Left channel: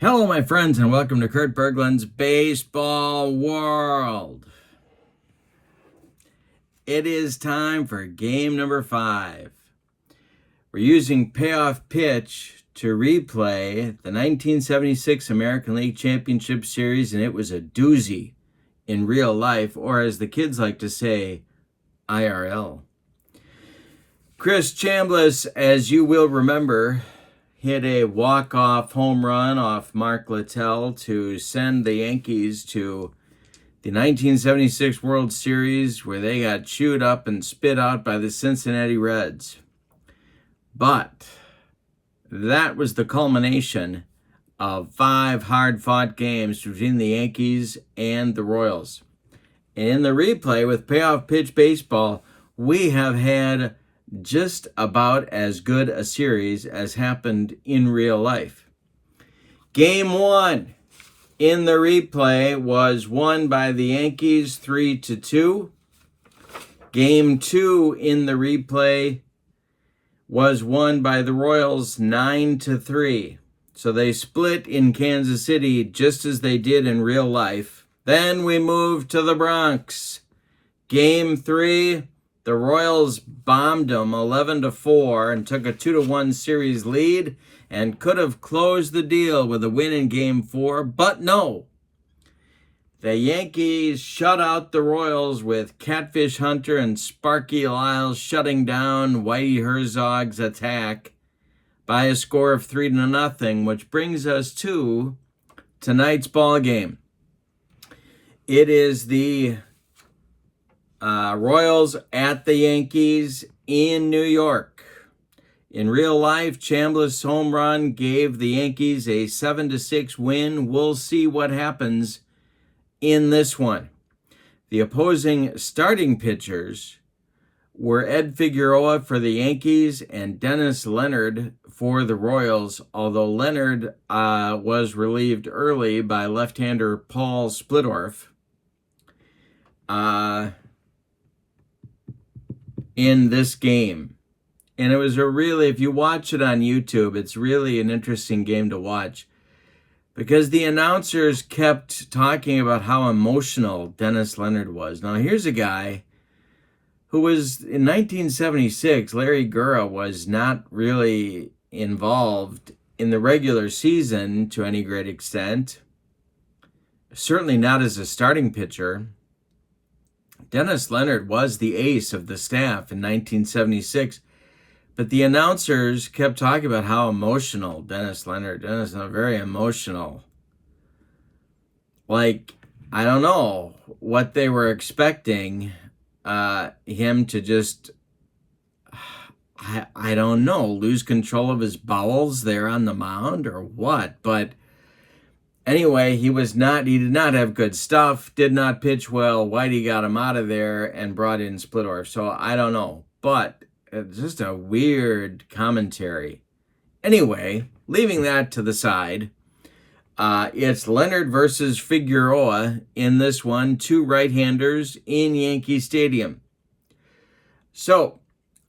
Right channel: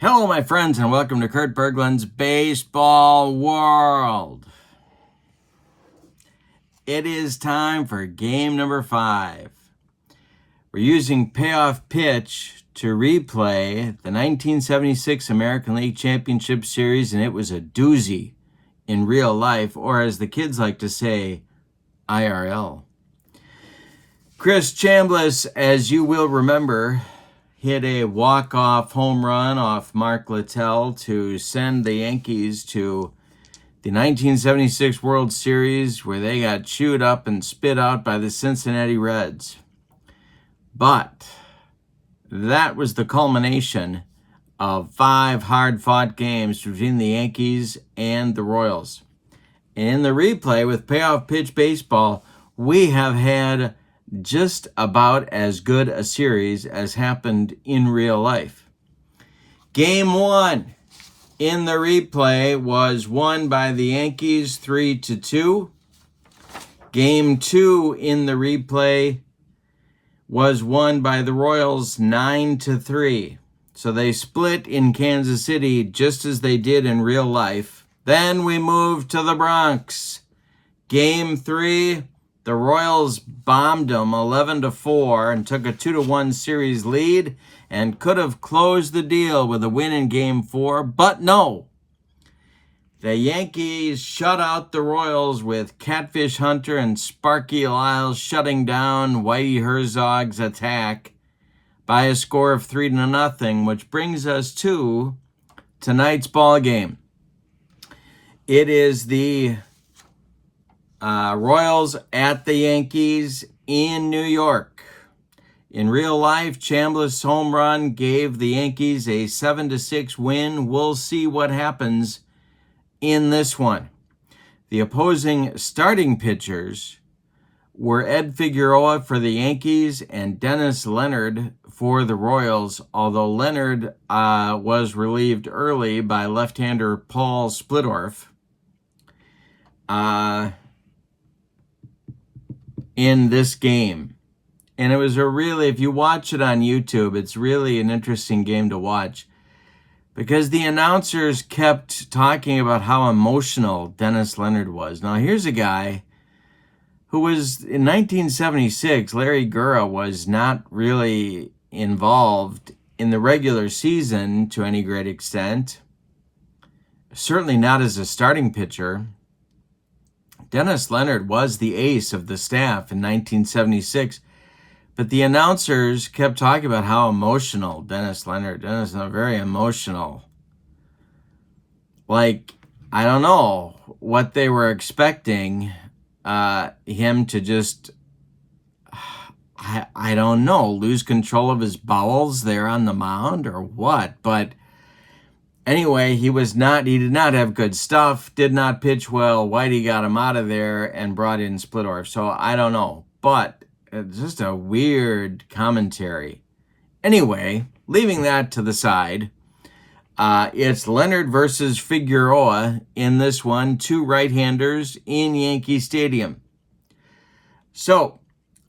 Hello, my friends, and welcome to Kurt Berglund's Baseball World. It is time for game number 5. We're using Payoff pitch to replay the 1976 American League Championship Series, and it was a doozy in real life, or as the kids like to say, IRL. Chris Chambliss, as you will remember, hit a walk-off home run off Mark Littell to send the Yankees to the 1976 World Series, where they got chewed up and spit out by the Cincinnati Reds. But that was the culmination of 5 hard-fought games between the Yankees and the Royals. And in the replay with Payoff pitch baseball, we have had just about as good a series as happened in real life. Game 1 in the replay was won by the Yankees 3-2. Game 2 in the replay was won by the Royals 9-3. So they split in Kansas City just as they did in real life. Then we moved to the Bronx. Game 3, the Royals bombed them 11-4 and took a 2-1 series lead and could have closed the deal with a win in Game 4, but no. The Yankees shut out the Royals with Catfish Hunter and Sparky Lyles shutting down Whitey Herzog's attack by a score of 3-0, which brings us to tonight's ball game. It is the Royals at the Yankees in New York. In real life, Chambliss' home run gave the Yankees a 7-6 win. We'll see what happens in this one. The opposing starting pitchers were Ed Figueroa for the Yankees and Dennis Leonard for the Royals, although Leonard was relieved early by left-hander Paul Splittorff. In this game. And it was if you watch it on YouTube, it's really an interesting game to watch because the announcers kept talking about how emotional Dennis Leonard was. Now, here's a guy who was, in 1976, Larry Gura was not really involved in the regular season to any great extent, certainly not as a starting pitcher. Dennis Leonard was the ace of the staff in 1976, but the announcers kept talking about how emotional Dennis Leonard is, very emotional. Like, I don't know what they were expecting him to just, I don't know, lose control of his bowels there on the mound or what, but anyway, he did not have good stuff, did not pitch well. Whitey got him out of there and brought in Splittorff. So I don't know, but it's just a weird commentary. Anyway, leaving that to the side, it's Leonard versus Figueroa in this one, 2 right-handers in Yankee Stadium. So,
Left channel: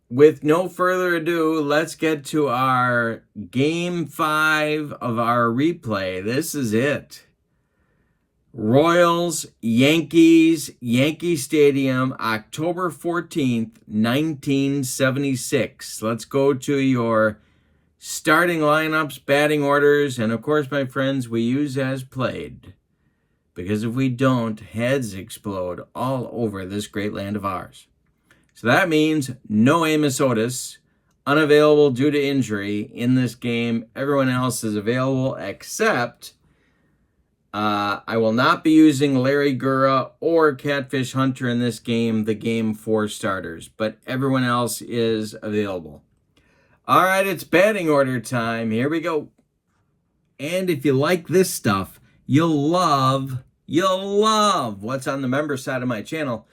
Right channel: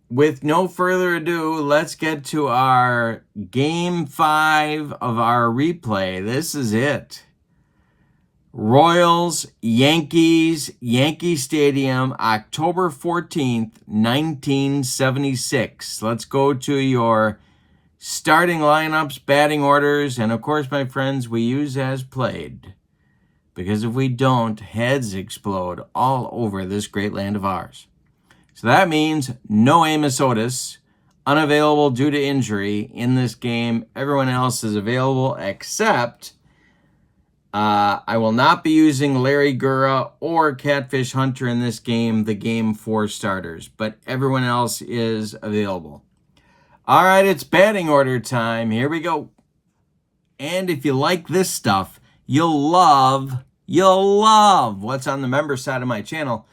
with no further ado, let's get to our Game 5 of our replay. This is it. Royals, Yankees, Yankee Stadium, October 14th, 1976. Let's go to your starting lineups, batting orders, and of course, my friends, we use as played. Because if we don't, heads explode all over this great land of ours. So that means no Amos Otis, unavailable due to injury in this game. Everyone else is available except I will not be using Larry Gura or Catfish Hunter in this game, the Game 4 starters, but everyone else is available. All right, it's batting order time. Here we go. And if you like this stuff, you'll love what's on the member side of my channel.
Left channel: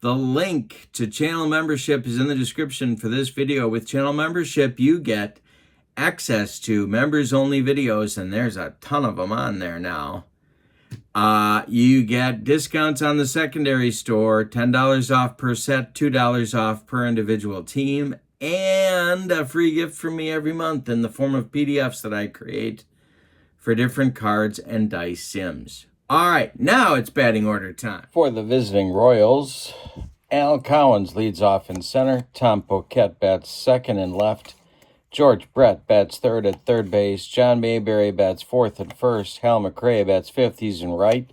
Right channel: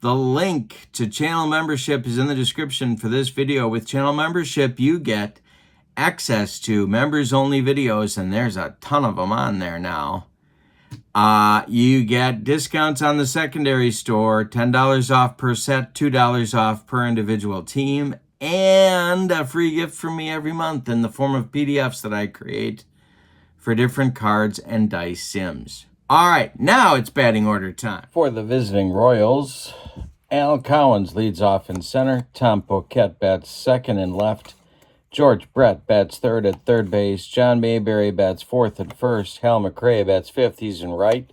The link to channel membership is in the description for this video. With channel membership, you get access to members-only videos, and there's a ton of them on there now. You get discounts on the secondary store, $10 off per set, $2 off per individual team, and a free gift from me every month in the form of PDFs that I create for different cards and dice sims. All right, now it's batting order time. For the visiting Royals, Al Collins leads off in center. Tom Poquette bats second and left. George Brett bats third at third base. John Mayberry bats fourth at first. Hal McRae bats fifth. He's in right.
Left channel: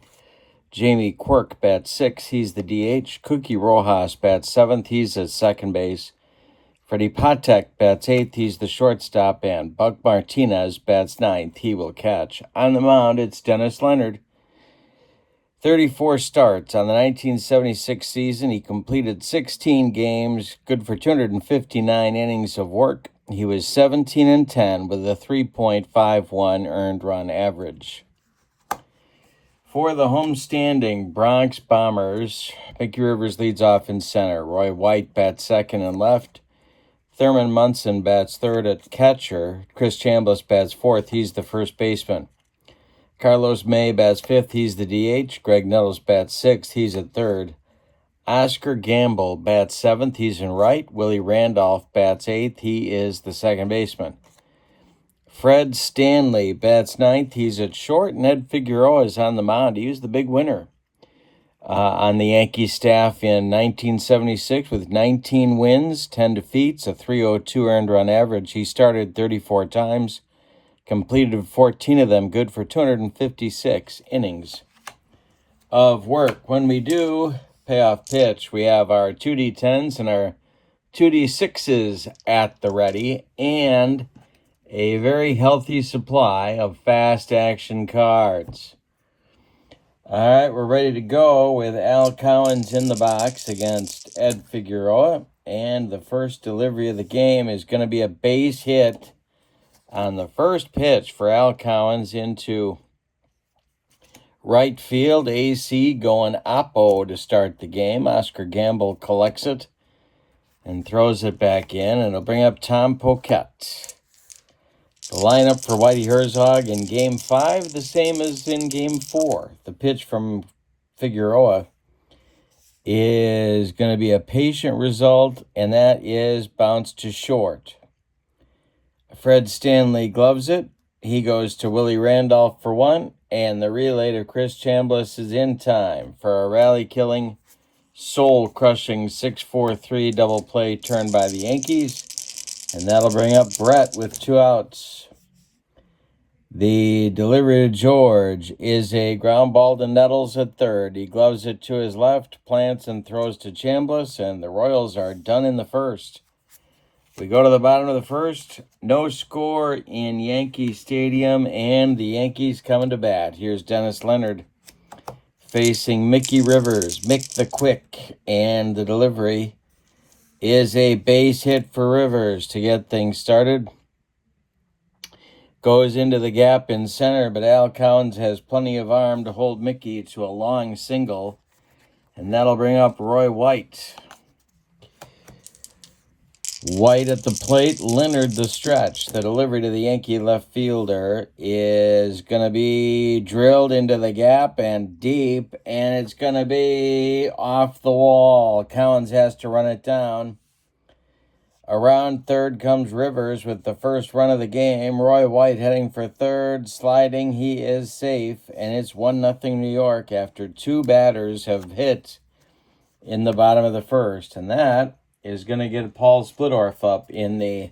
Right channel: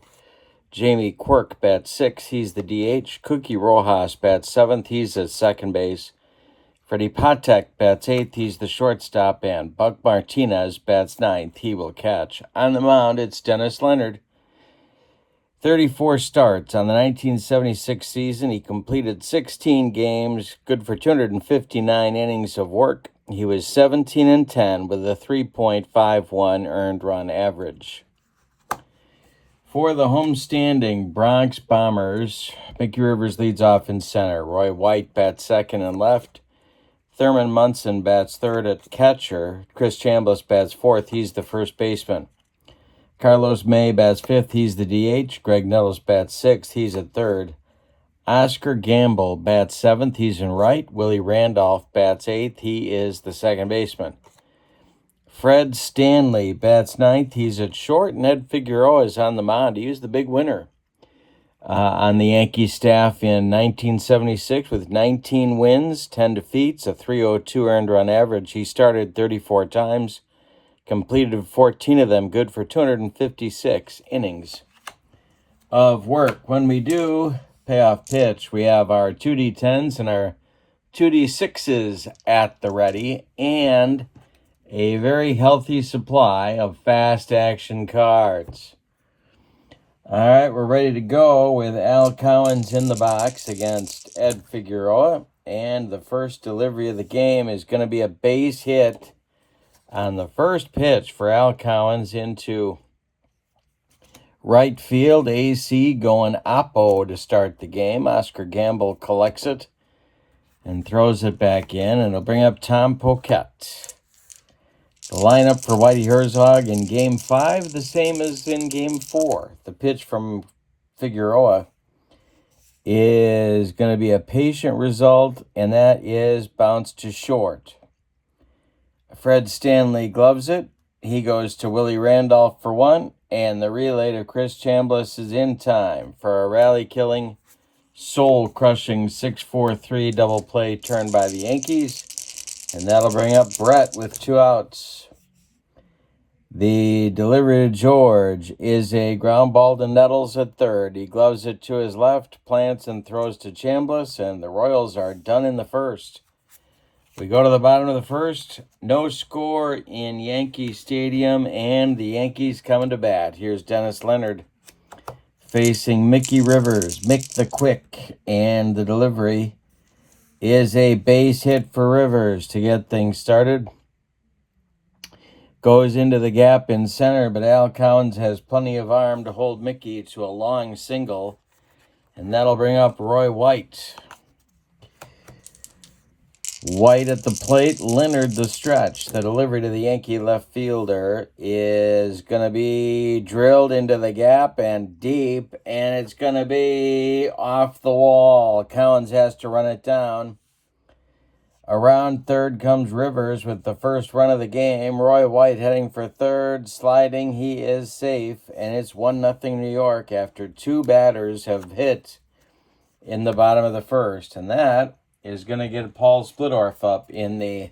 Jamie Quirk bats sixth. He's the DH. Cookie Rojas bats seventh. He's at second base. Freddie Patek bats eighth. He's the shortstop. And Buck Martinez bats ninth. He will catch. On the mound, it's Dennis Leonard. 34 starts on the 1976 season. He completed 16 games, good for 259 innings of work. He was 17-10 with a 3.51 earned run average. For the homestanding Bronx Bombers, Mickey Rivers leads off in center. Roy White bats second and left. Thurman Munson bats third at catcher. Chris Chambliss bats fourth. He's the first baseman. Carlos May bats fifth. He's the DH. Greg Nettles bats sixth. He's at third. Oscar Gamble bats seventh. He's in right. Willie Randolph bats eighth. He is the second baseman. Fred Stanley bats ninth. He's at short. Ned Figueroa is on the mound. He was the big winner on the Yankee staff in 1976 with 19 wins, 10 defeats, a 3.02 earned run average. He started 34 times. Completed 14 of them, good for 256 innings of work. When we do payoff pitch, we have our 2D10s and our 2D6s at the ready, and a very healthy supply of fast action cards. All right, we're ready to go with Al Collins in the box against Ed Figueroa, and the first delivery of the game is going to be a base hit on the first pitch for Al Collins into right field. AC going oppo to start the game. Oscar Gamble collects it and throws it back in, and it'll bring up Tom Poquette. The lineup for Whitey Herzog in Game 5, the same as in Game 4. The pitch from Figueroa is going to be a patient result, and that is bounce to short. Fred Stanley gloves it. He goes to Willie Randolph for one, and the relay to Chris Chambliss is in time for a rally-killing, soul-crushing 6-4-3 double play turn by the Yankees, and that'll bring up Brett with 2 outs. The delivery to George is a ground ball to Nettles at third. He gloves it to his left, plants and throws to Chambliss, and the Royals are done in the first. We go to the bottom of the first. No score in Yankee Stadium, and the Yankees coming to bat. Here's Dennis Leonard facing Mickey Rivers. Mick the Quick, and the delivery is a base hit for Rivers to get things started. Goes into the gap in center, but Al Collins has plenty of arm to hold Mickey to a long single, and that'll bring up Roy White. White at the plate, Leonard the stretch. The delivery to the Yankee left fielder is going to be drilled into the gap and deep, and it's going to be off the wall. Collins has to run it down. Around third comes Rivers with the first run of the game. Roy White heading for third, sliding. He is safe, and it's 1-0 New York after 2 batters have hit in the bottom of the first, and that is going to get Paul Splittorff up in the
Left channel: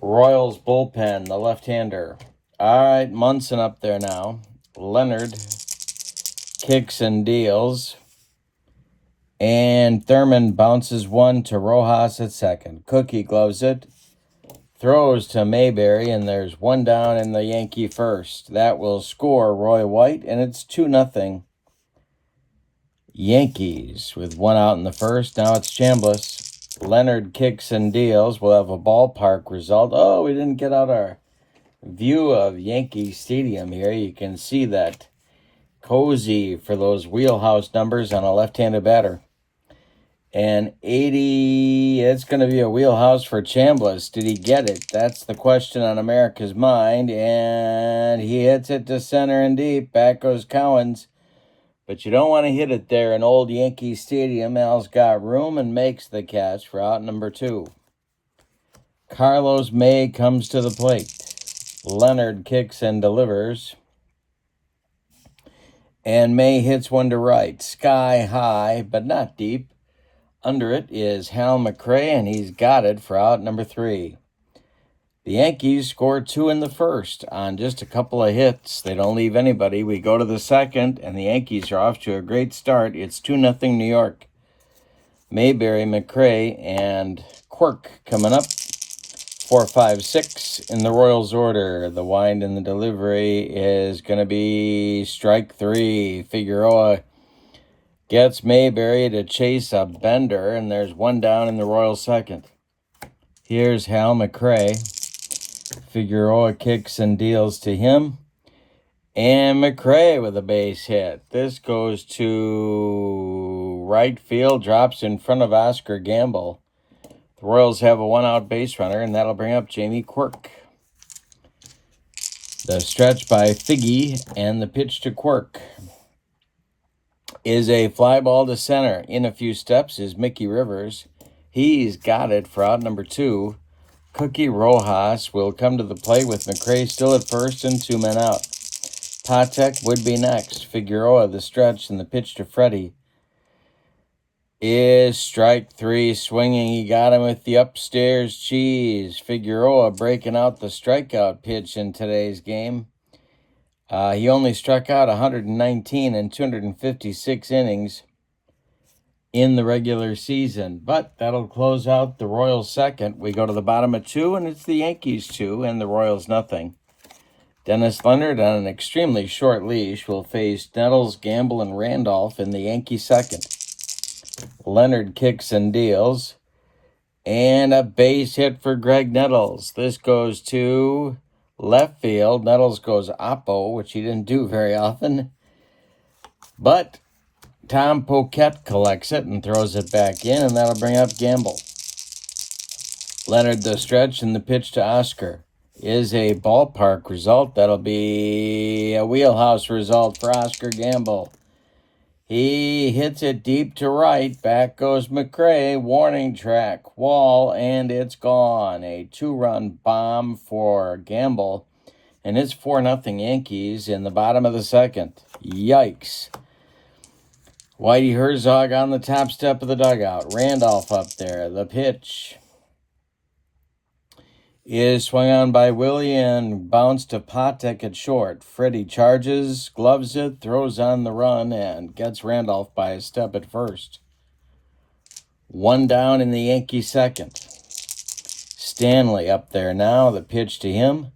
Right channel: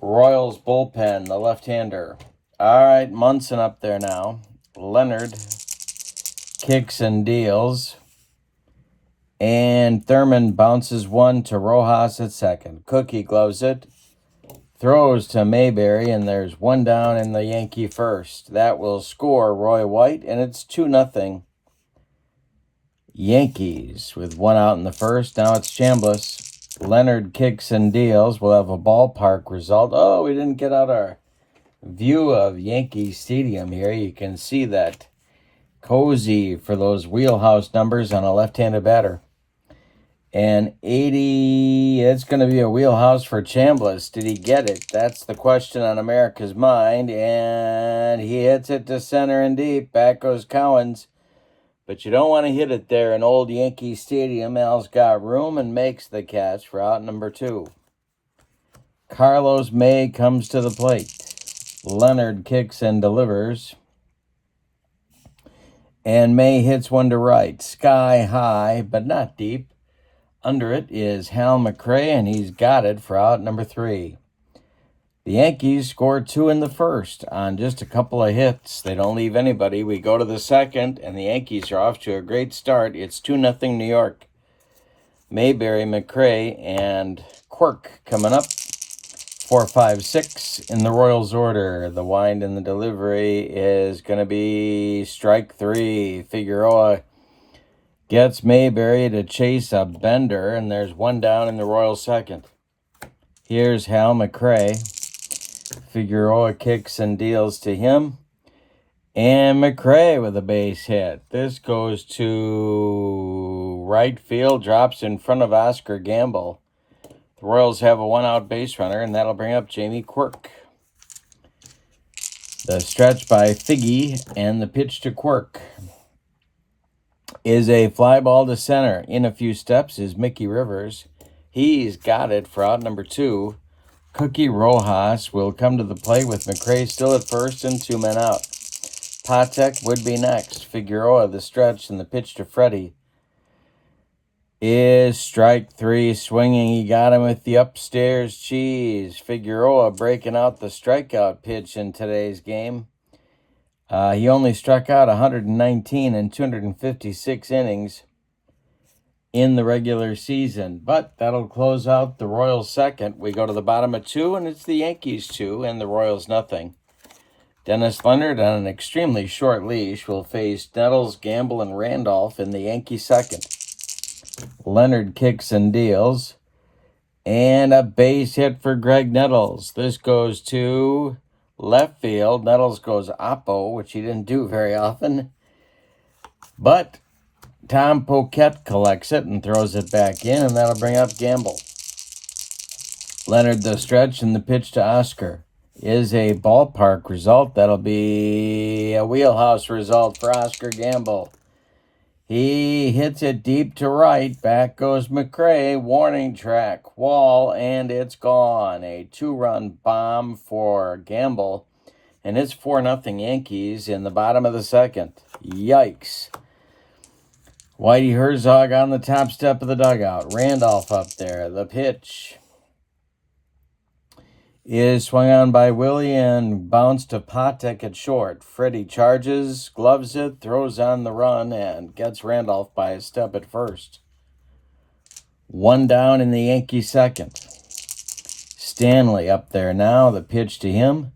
Royals bullpen, the left-hander. All right, Munson up there now. Leonard kicks and deals. And Thurman bounces one to Rojas at second. Cookie gloves it. Throws to Mayberry, and there's 1 down in the Yankee first. That will score Roy White, and it's 2-0. Yankees with 1 out in the first. Now it's Chambliss. Leonard kicks and deals. We'll have a ballpark result. Oh, we didn't get out our view of Yankee Stadium here. You can see that cozy for those wheelhouse numbers on a left-handed batter. And 80, it's going to be a wheelhouse for Chambliss. Did he get it? That's the question on America's mind. And he hits it to center and deep. Back goes Collins. But you don't want to hit it there in old Yankee Stadium. Al's got room and makes the catch for out number 2. Carlos May comes to the plate. Leonard kicks and delivers. And May hits one to right. Sky high, but not deep. Under it is Hal McRae, and he's got it for out number 3. The Yankees scored 2 in the first on just a couple of hits. They don't leave anybody. We go to the second, and the Yankees are off to a great start. It's 2-0 New York. Mayberry, McRae, and Quirk coming up. 4, 5, 6 in the Royals order. The wind and the delivery is going to be strike 3. Figueroa gets Mayberry to chase a bender, and there's one down in the Royals second. Here's Hal McRae. Figueroa kicks and deals to him. And McRae with a base hit. This goes to right field, drops in front of Oscar Gamble. The Royals have a 1-out base runner, and that'll bring up Jamie Quirk. The stretch by Figgy and the pitch to Quirk is a fly ball to center. In a few steps is Mickey Rivers. He's got it for out number 2. Cookie Rojas will come to the plate with McRae still at first and 2 men out. Patek would be next. Figueroa, the stretch, and the pitch to Freddie is strike 3. Swinging, he got him with the upstairs cheese. Figueroa breaking out the strikeout pitch in today's game. He only struck out 119 in 256 innings in the regular season, but that'll close out the Royals second. We go to the bottom of 2, and it's the Yankees 2 and the Royals nothing. Dennis Leonard on an extremely short leash will face Nettles, Gamble, and Randolph in the Yankee second. Leonard kicks and deals, and a base hit for Greg Nettles. This goes to left field. Nettles goes oppo, which he didn't do very often, but Tom Poquette collects it and throws it back in, and that'll bring up Gamble. Leonard the stretch, and the pitch to Oscar is a ballpark result. That'll be a wheelhouse result for Oscar Gamble. He hits it deep to right. Back goes McRae. Warning track, wall, and it's gone. A 2-run bomb for Gamble, and it's 4-0 Yankees in the bottom of the second. Yikes. Whitey Herzog on the top step of the dugout. Randolph up there. The pitch is swung on by Willie and bounced to Patek at short. Freddie charges, gloves it, throws on the run, and gets Randolph by a step at first. 1 down in the Yankee second. Stanley up there now. The pitch to him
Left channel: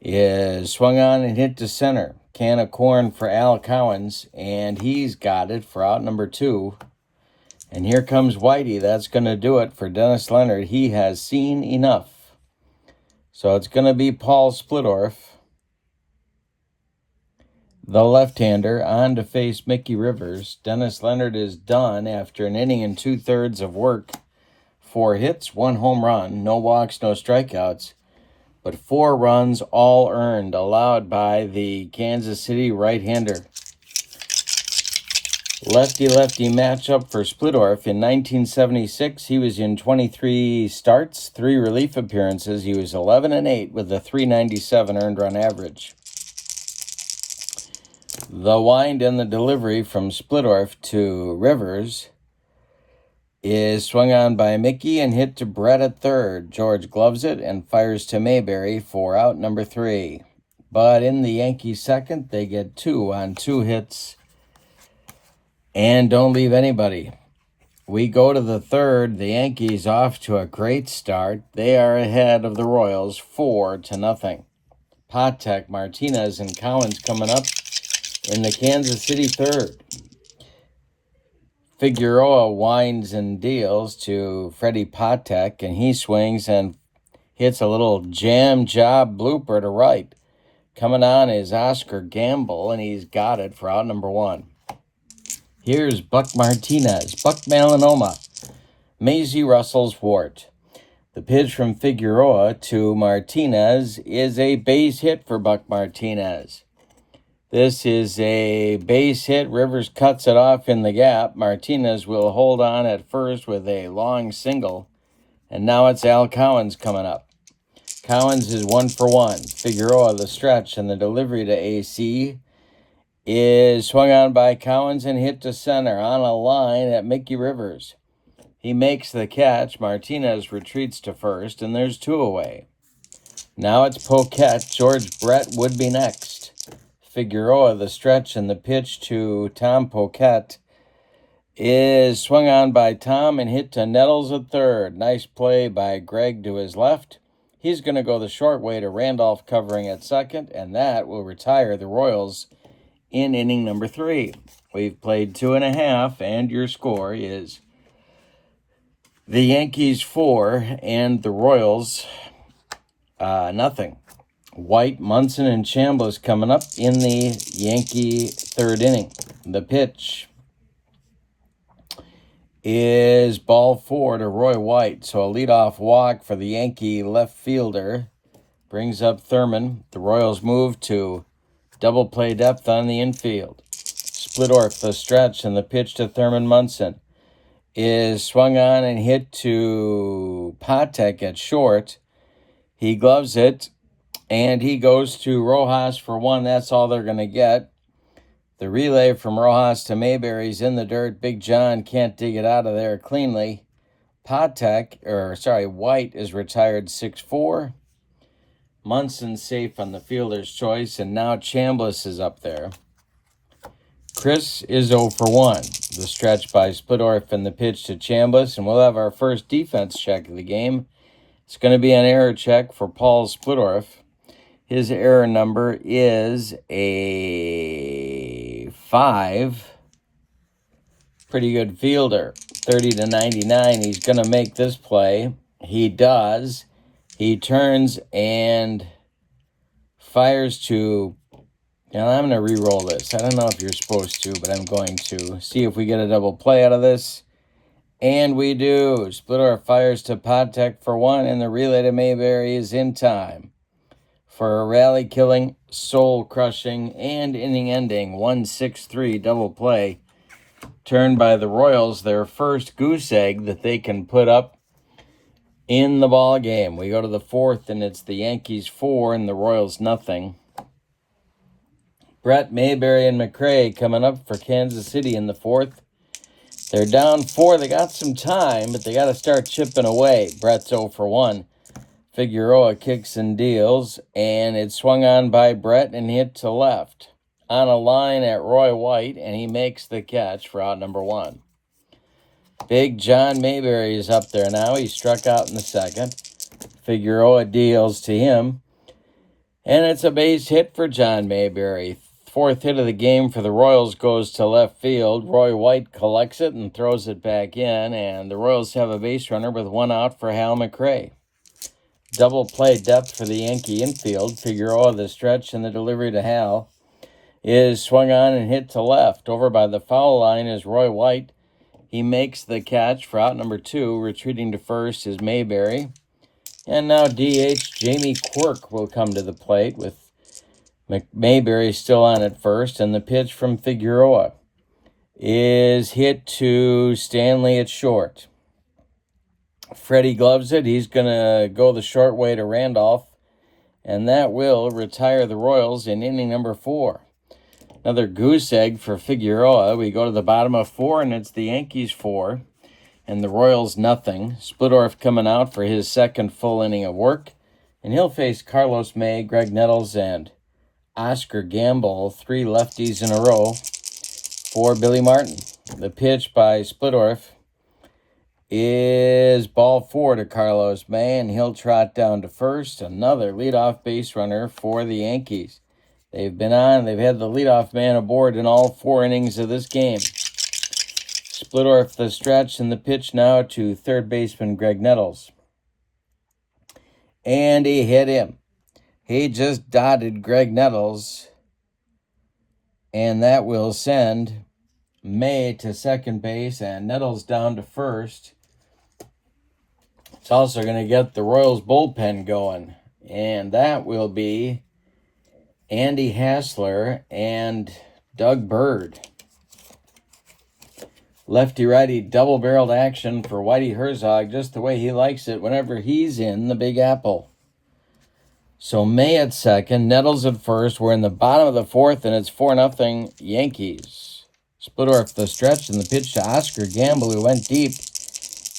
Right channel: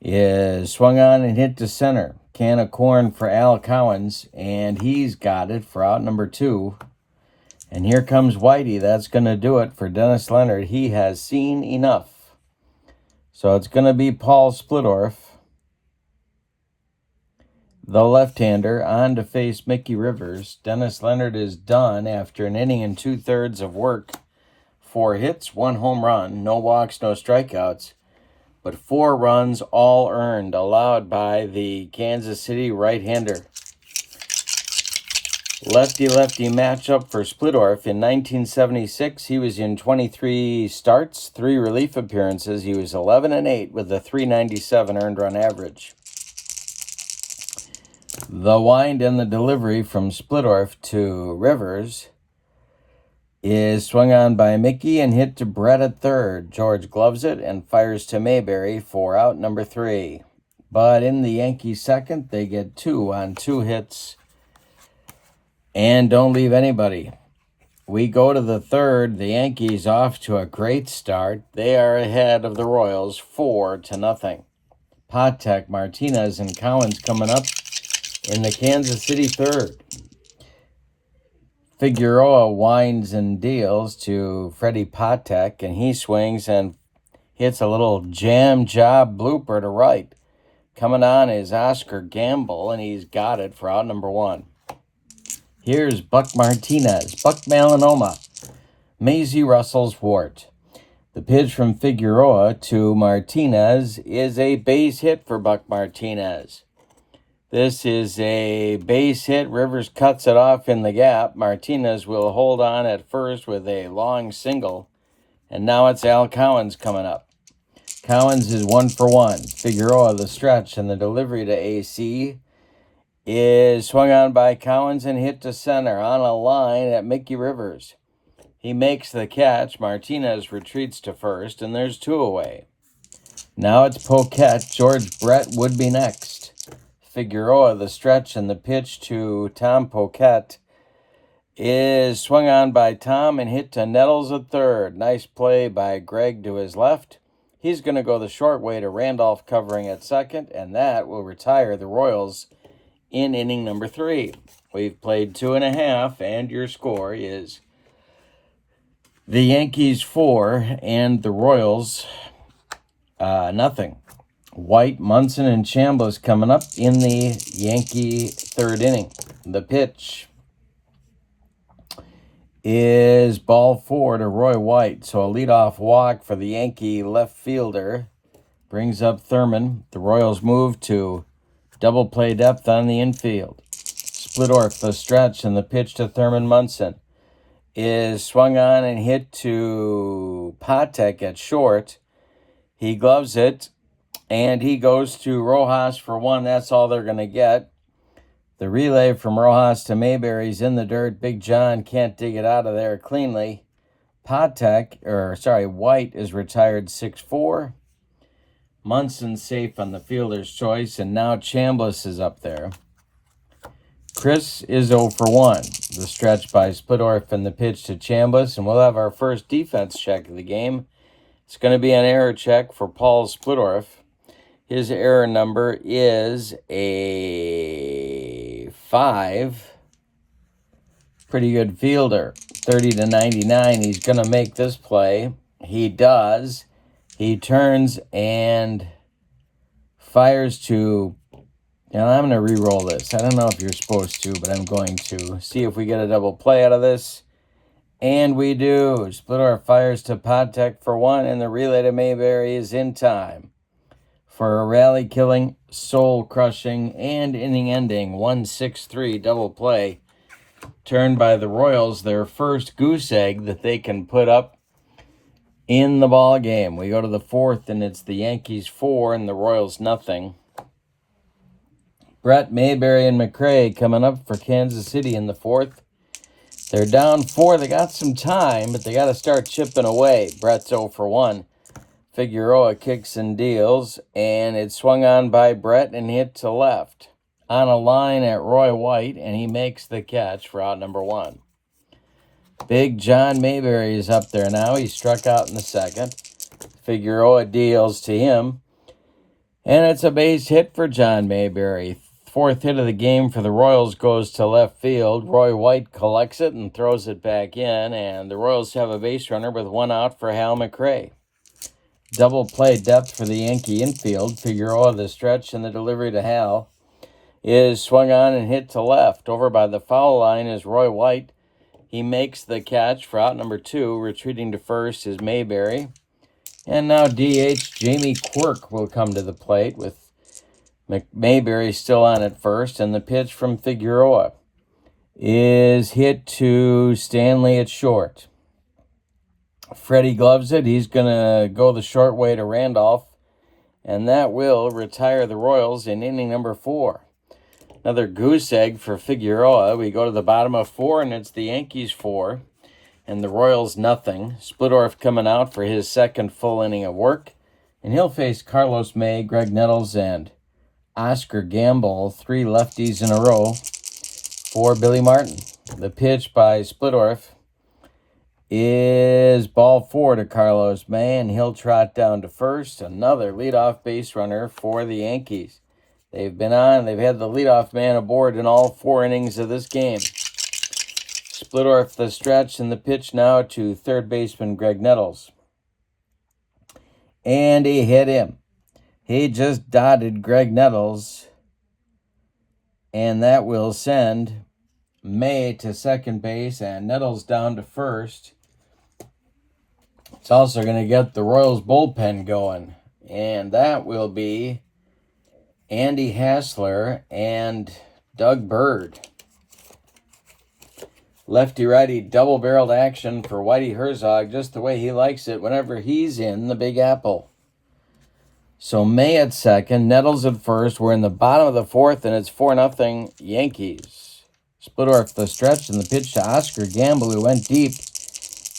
is swung on and hit to center. Can of corn for Al Cowens, and he's got it for out number 2. And here comes Whitey. That's going to do it for Dennis Leonard. He has seen enough. So it's going to be Paul Splittorff, the left-hander, on to face Mickey Rivers. Dennis Leonard is done after an inning and 2/3 of work. 4 hits, 1 home run, no walks, no strikeouts, but 4 runs all earned, allowed by the Kansas City right-hander. Lefty-lefty matchup for Splittorff. In 1976, he was in 23 starts, 3 relief appearances. He was 11-8 with a .397 earned run average. The wind and the delivery from Splittorff to Rivers is swung on by Mickey and hit to Brett at third. George gloves it and fires to Mayberry for out number 3. But in the Yankees second, they get 2 on 2 hits and don't leave anybody. We go to the third. The Yankees off to a great start. They are ahead of the Royals 4-0. Patek, Martinez, and Collins coming up in the Kansas City third. Figueroa winds and deals to Freddie Patek, and he swings and hits a little jam job blooper to right. Coming on is Oscar Gamble, and he's got it for out number 1. Here's Buck Martinez, Buck Melanoma, Maisie Russell's wart. The pitch from Figueroa to Martinez is a base hit for Buck Martinez. This is a base hit. Rivers cuts it off in the gap. Martinez will hold on at first with a long single. And now it's Al Cowens coming up. Collins is 1 for 1. Figueroa, the stretch, and the delivery to AC is swung on by Collins and hit to center on a line at Mickey Rivers. He makes the catch. Martinez retreats to first, and there's 2 away. Now it's Poquette. George Brett would be next. Figueroa, the stretch, and the pitch to Tom Poquette is swung on by Tom and hit to Nettles at third. Nice play by Greg to his left. He's going to go the short way to Randolph covering at second, and that will retire the Royals in inning number 3. We've played 2.5, and your score is the Yankees 4 and the Royals nothing. White, Munson, and Chambliss coming up in the Yankee 3rd inning. The pitch is ball 4 to Roy White. So a leadoff walk for the Yankee left fielder brings up Thurman. The Royals move to double play depth on the infield. Splittorff the stretch, and the pitch to Thurman Munson is swung on and hit to Patek at short. He gloves it, and he goes to Rojas for 1. That's all they're going to get. The relay from Rojas to Mayberry's in the dirt. Big John can't dig it out of there cleanly. White is retired 6-4. Munson safe on the fielder's choice, and now Chambliss is up there. Chris is 0 for 1. The stretch by Splittorff and the pitch to Chambliss, and we'll have our first defense check of the game. It's going to be an error check for Paul Splittorff. His error number is a 5. Pretty good fielder. 30-99. He's going to make this play. He does. He turns and fires to... I'm going to re-roll this. I don't know if you're supposed to, but I'm going to. See if we get a double play out of this. And we do. Splittorff fires to Patek for 1, and the relay to Mayberry is in time for a rally-killing, soul-crushing, and inning-ending 1-6-3 double play. Turned by the Royals, their first goose egg that they can put up in the ball game. We go to the 4th, and it's the Yankees 4 and the Royals nothing. Brett, Mayberry, and McRae coming up for Kansas City in the 4th. They're down 4. They got some time, but they got to start chipping away. Brett's 0 for 1. Figueroa kicks and deals, and it's swung on by Brett and hit to left on a line at Roy White, and he makes the catch for out number 1. Big John Mayberry is up there now. He struck out in the 2nd. Figueroa deals to him, and it's a base hit for John Mayberry. 4th hit of the game for the Royals goes to left field. Roy White collects it and throws it back in, and the Royals have a base runner with 1 out for Hal McRae. Double play depth for the Yankee infield. Figueroa the stretch, and the delivery to Hal is swung on and hit to left. Over by the foul line is Roy White. He makes the catch for out number 2. Retreating to first is Mayberry. And now DH Jamie Quirk will come to the plate with Mayberry still on at first, and the pitch from Figueroa is hit to Stanley at short. Freddie gloves it. He's going to go the short way to Randolph, and that will retire the Royals in inning number 4. Another goose egg for Figueroa. We go to the bottom of 4, and it's the Yankees 4 and the Royals nothing. Splittorff coming out for his 2nd full inning of work, and he'll face Carlos May, Greg Nettles, and Oscar Gamble, 3 lefties in a row for Billy Martin. The pitch by Splittorff is ball 4 to Carlos May, and he'll trot down to first. Another leadoff base runner for the Yankees. They've had the leadoff man aboard in all 4 innings of this game. Splittorff the stretch, and the pitch now to 3rd baseman Greg Nettles. And he hit him. He just dotted Greg Nettles, and that will send May to 2nd base and Nettles down to first. It's also going to get the Royals bullpen going, and that will be Andy Hassler and Doug Bird. Lefty-righty double-barreled action for Whitey Herzog, just the way he likes it whenever he's in the Big Apple. So May at second, Nettles at first. We're in the bottom of the fourth, and it's 4-0 Yankees. Splittorff the stretch, and the pitch to Oscar Gamble, who went deep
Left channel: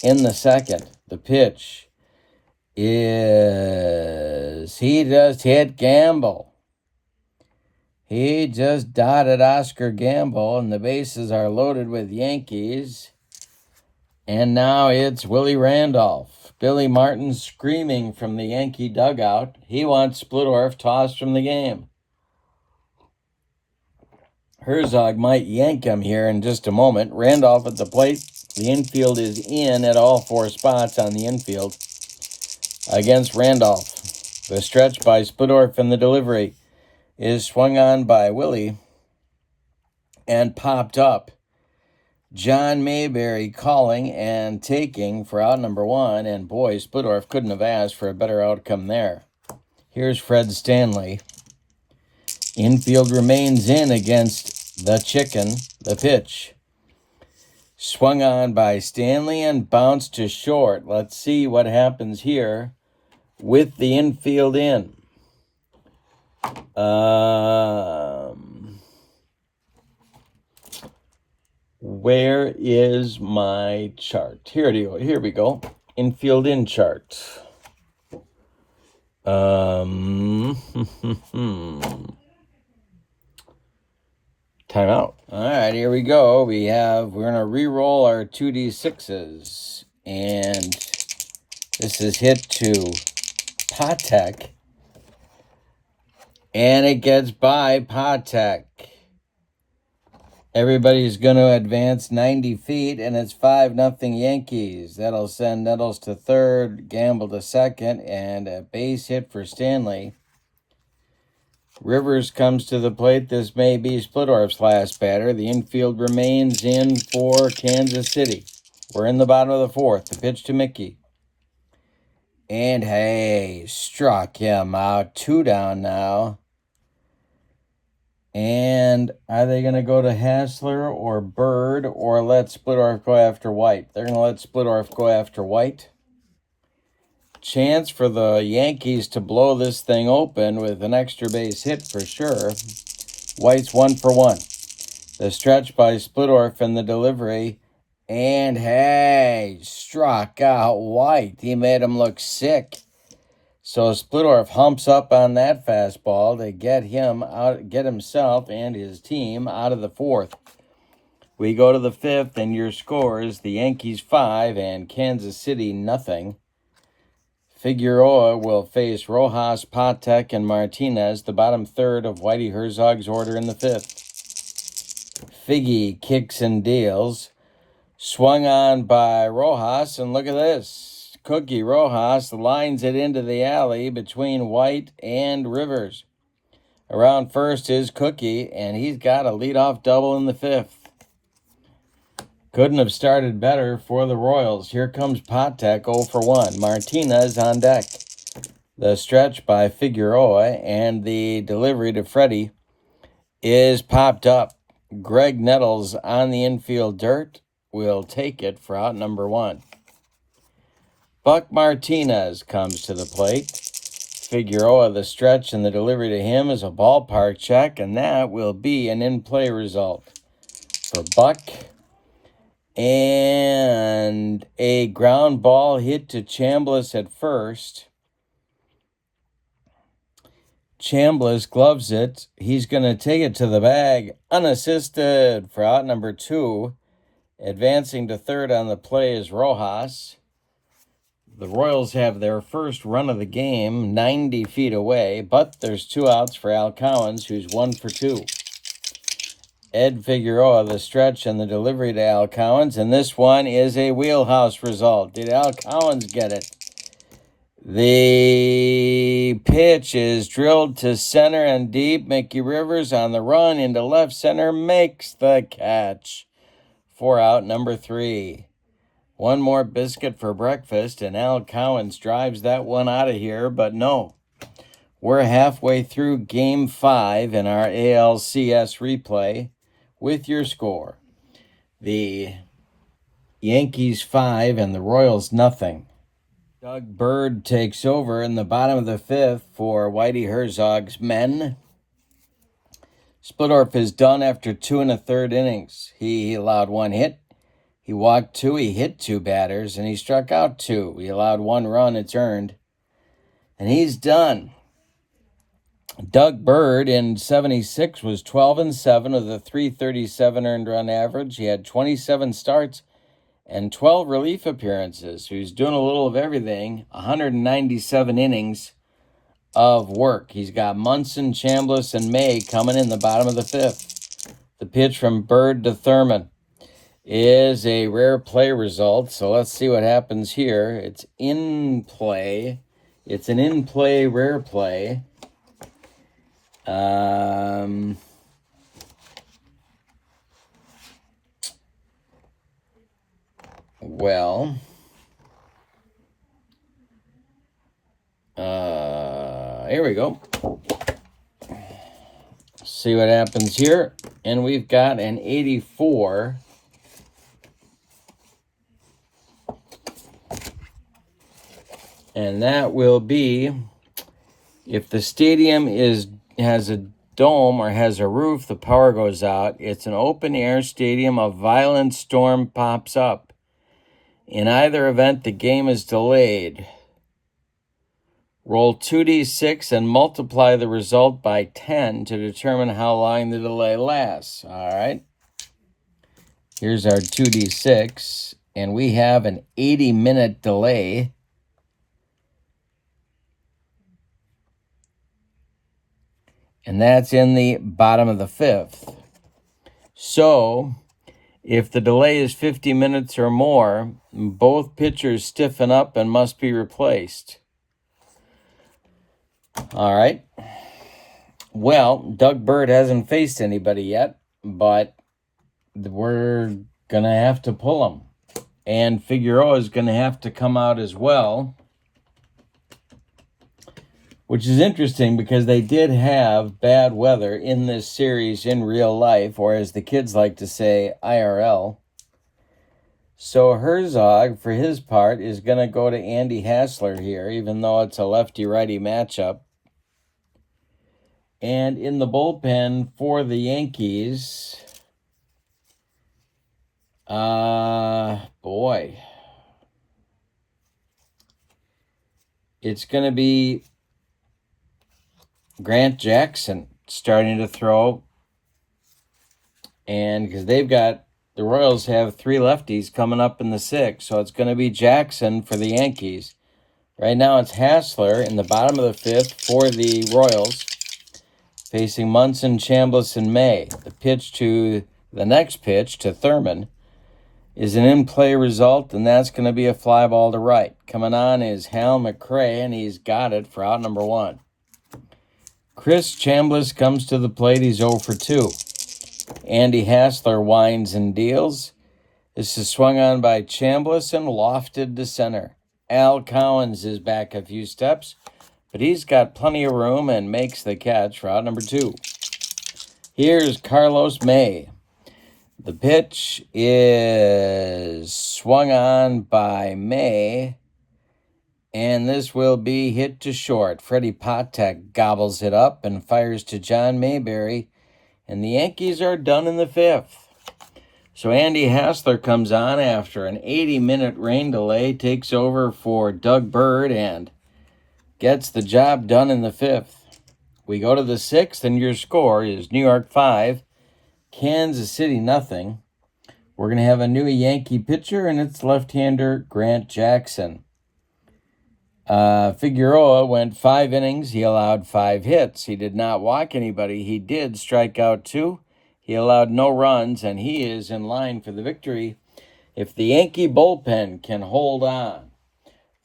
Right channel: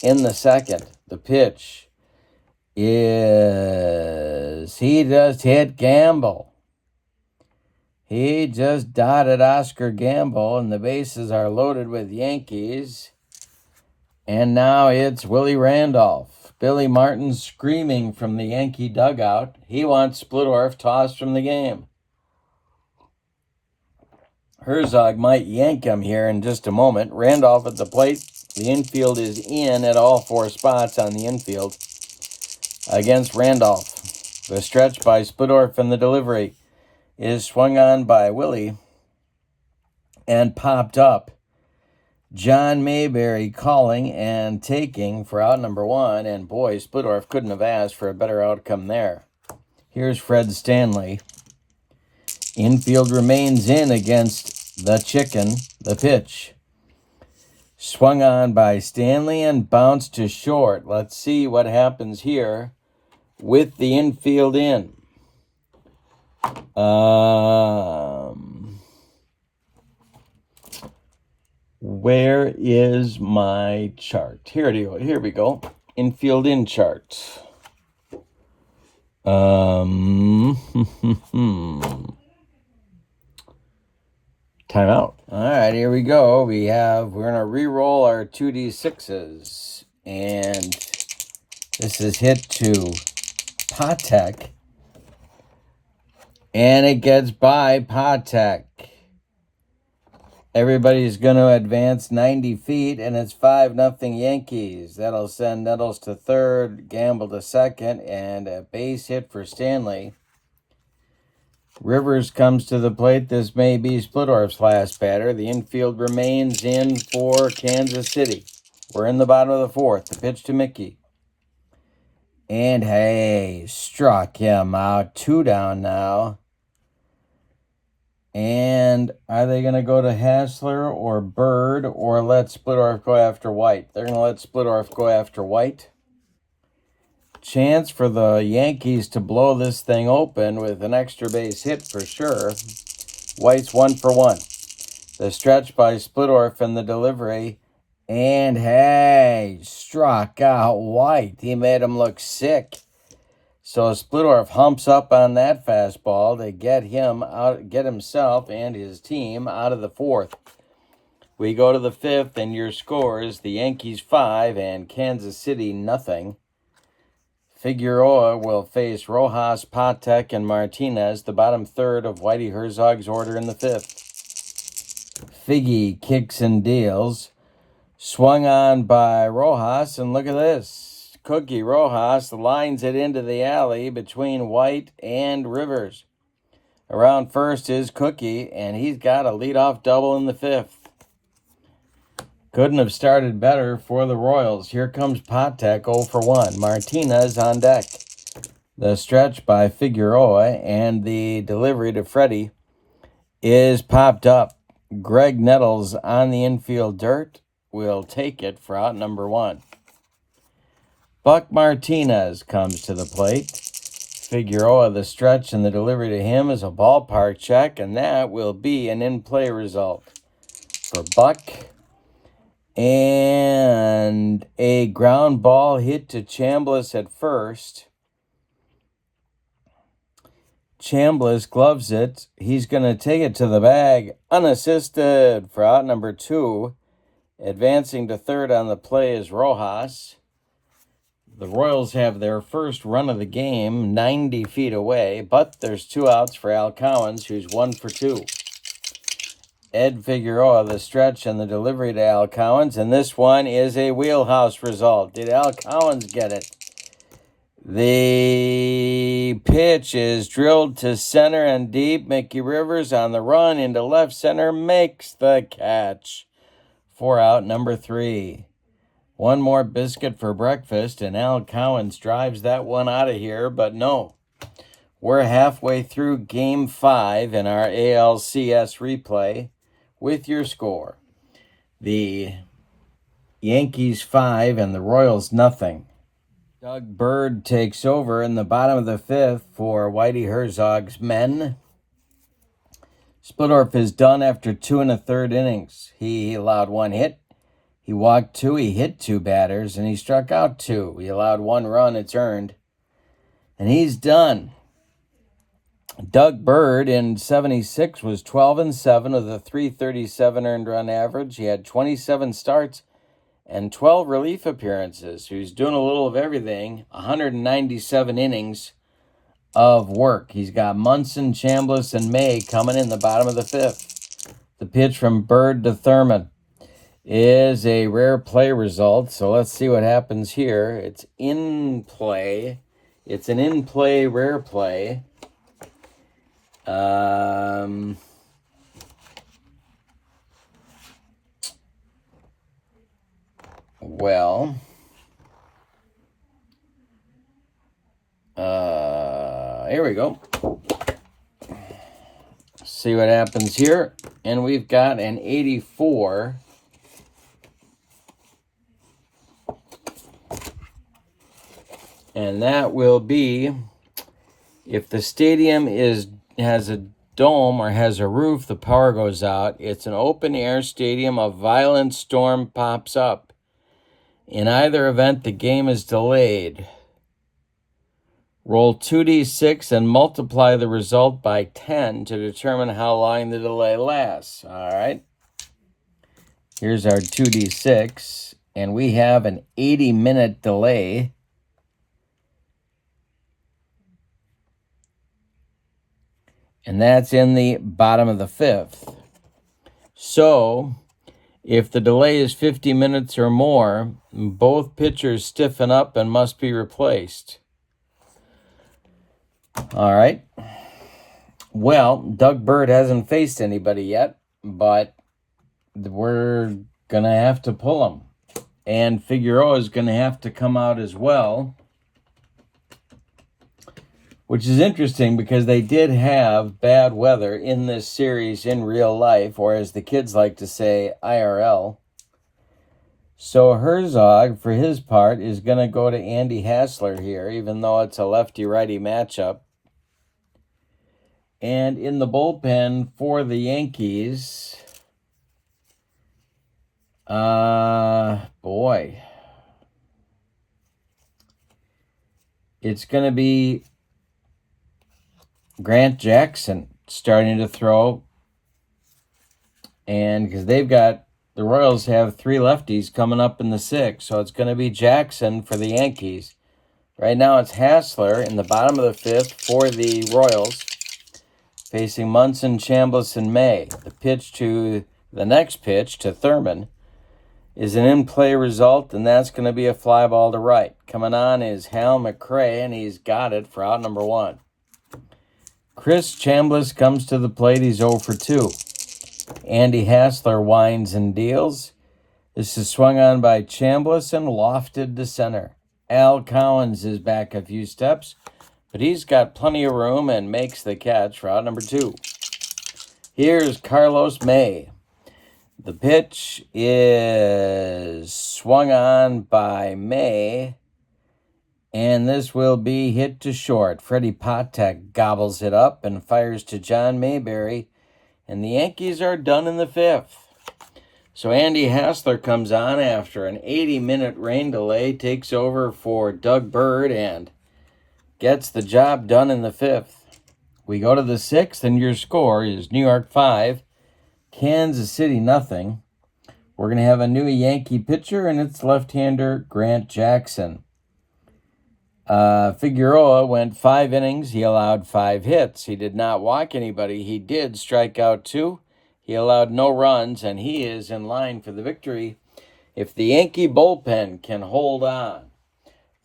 in the second. The pitch is, he just hit Gamble. He just dotted Oscar Gamble, and the bases are loaded with Yankees. And now it's Willie Randolph. Billy Martin screaming from the Yankee dugout. He wants Splittorff tossed from the game. Herzog might yank him here in just a moment. Randolph at the plate. The infield is in at all four spots on the infield against Randolph. The stretch by Splittorff and the delivery is swung on by Willie and popped up. John Mayberry calling and taking for out number one, and boy, Splittorff couldn't have asked for a better outcome there. Here's Fred Stanley. Infield remains in against the chicken. The pitch swung on by Stanley and bounced to short. Let's see what happens here with the infield in. Where is my chart? Here we go. Infield in chart. Timeout. All right, here we go. We're going to re-roll our 2d6s. And this is hit to Patek. And it gets by Patek. Everybody's going to advance 90 feet, and it's 5-0 Yankees. That'll send Nettles to third, Gamble to second, and a base hit for Stanley. Rivers comes to the plate. This may be Splittorff's last batter. The infield remains in for Kansas City. We're in the bottom of the fourth. The pitch to Mickey. And hey, struck him out. 2 down now. And are they going to go to Hassler or Bird or let Splittorff go after White? They're going to let Splittorff go after White. Chance for the Yankees to blow this thing open with an extra base hit for sure. White's 1 for 1. The stretch by Splittorff and the delivery. And hey, struck out White. He made him look sick. So Splittorff humps up on that fastball to get himself and his team out of the fourth. We go to the fifth, and your scores: the Yankees 5 and Kansas City 0. Figueroa will face Rojas, Patek, and Martinez, the bottom third of Whitey Herzog's order in the fifth. Figgy kicks and deals. Swung on by Rojas, and look at this. Cookie Rojas lines it into the alley between White and Rivers. Around first is Cookie, and he's got a leadoff double in the fifth. Couldn't have started better for the Royals. Here comes Patek 0 for 1. Martinez on deck. The stretch by Figueroa and the delivery to Freddie is popped up. Greg Nettles on the infield dirt will take it for out number 1. Buck Martinez comes to the plate. Figueroa, the stretch, and the delivery to him is a ballpark check, and that will be an in-play result for Buck. And a ground ball hit to Chambliss at first. Chambliss gloves it. He's going to take it to the bag unassisted for out number 2. Advancing to third on the play is Rojas. The Royals have their first run of the game 90 feet away, but there's 2 outs for Al Cowens, who's 1 for 2. Ed Figueroa, the stretch, and the delivery to Al Cowens, and this one is a wheelhouse result. Did Al Cowens get it? The pitch is drilled to center and deep. Mickey Rivers on the run into left center makes the catch for out number 3. One more biscuit for breakfast, and Al Cowens drives that one out of here, but no. We're halfway through Game 5 in our ALCS replay with your score. The Yankees 5 and the Royals 0. Doug Bird takes over in the bottom of the fifth for Whitey Herzog's men. Splittorff is done after 2 1/3 innings. He allowed 1 hit. He walked 2. He hit 2 batters, and he struck out 2. He allowed 1 run. It's earned. And he's done. Doug Bird in 76 was 12-7 with a 337 earned run average. He had 27 starts and 12 relief appearances. He was doing a little of everything. 197 innings of work. He's got Munson, Chambliss, and May coming in the bottom of the fifth. The pitch from Bird to Thurman is a rare play result. So let's see what happens here. It's in play. It's an in-play rare play. Well, here we go. See what happens here. And we've got an 84. And that will be, if the stadium has a dome or has a roof, the power goes out. It's an open air stadium. A violent storm pops up. In either event, the game is delayed. Roll 2d6 and multiply the result by 10 to determine how long the delay lasts. All right. Here's our 2d6, and we have an 80-minute delay. And that's in the bottom of the fifth. So, if the delay is 50 minutes or more, both pitchers stiffen up and must be replaced. All right. Well, Doug Bird hasn't faced anybody yet, but we're going to have to pull him. And Figueroa is going to have to come out as well. Which is interesting because they did have bad weather in this series in real life, or as the kids like to say, IRL. So Herzog, for his part, is going to go to Andy Hassler here, even though it's a lefty-righty matchup. And in the bullpen for the Yankees, it's going to be Grant Jackson starting to throw. And because the Royals have 3 lefties coming up in the 6th. So it's going to be Jackson for the Yankees. Right now it's Hassler in the bottom of the 5th for the Royals, facing Munson, Chambliss, and May. The next pitch to Thurman is an in-play result, and that's going to be a fly ball to right. Coming on is Hal McRae, and he's got it for out number 1. Chris Chambliss comes to the plate. He's 0 for 2. Andy Hassler winds and deals. This is swung on by Chambliss and lofted to center. Al Collins is back a few steps, but he's got plenty of room and makes the catch for out number 2. Here's Carlos May. The pitch is swung on by May, and this will be hit to short. Freddie Patek gobbles it up and fires to John Mayberry, and the Yankees are done in the 5th. So Andy Hassler comes on after an 80-minute rain delay, takes over for Doug Bird, and gets the job done in the 5th. We go to the 6th, and your score is New York 5, Kansas City nothing. We're going to have a new Yankee pitcher, and it's left-hander Grant Jackson. Figueroa went 5 innings. He allowed 5 hits. He did not walk anybody. He did strike out 2. He allowed no runs, and he is in line for the victory if the Yankee bullpen can hold on.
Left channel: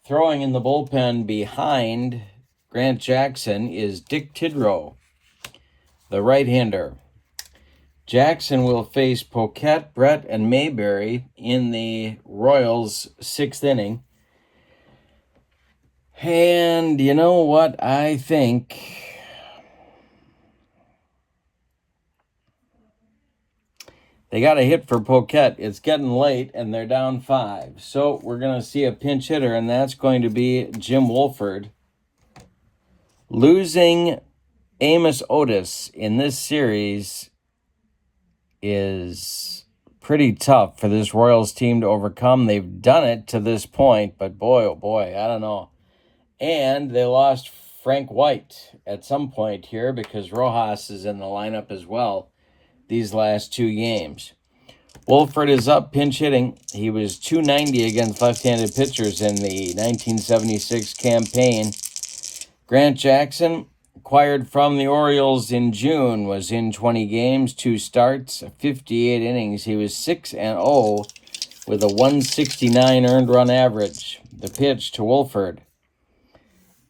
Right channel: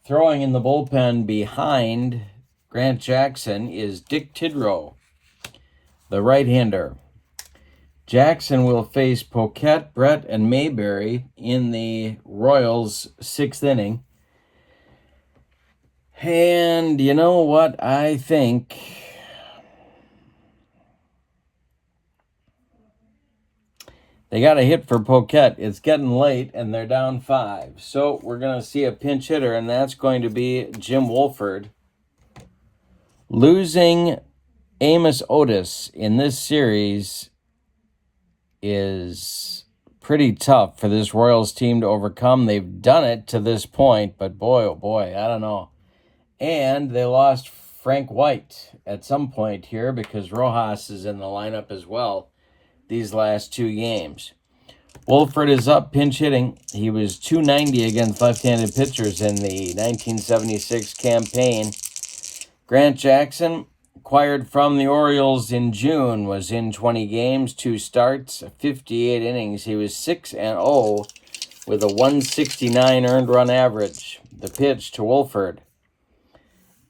Throwing in the bullpen behind Grant Jackson is Dick Tidrow, the right-hander. Jackson will face Poquette, Brett, and Mayberry in the Royals' 6th inning. And you know what I think? They got a hit for Poquet. It's getting late, and they're down 5. So we're going to see a pinch hitter, and that's going to be Jim Woolford. Losing Amos Otis in this series is pretty tough for this Royals team to overcome. They've done it to this point, but boy, oh boy, I don't know. And they lost Frank White at some point here because Rojas is in the lineup as well these last 2 games. Woolford is up pinch hitting. He was .290 against left-handed pitchers in the 1976 campaign. Grant Jackson, acquired from the Orioles in June, was in 20 games, 2 starts, 58 innings. He was 6-0 with a 169 earned run average. The pitch to Woolford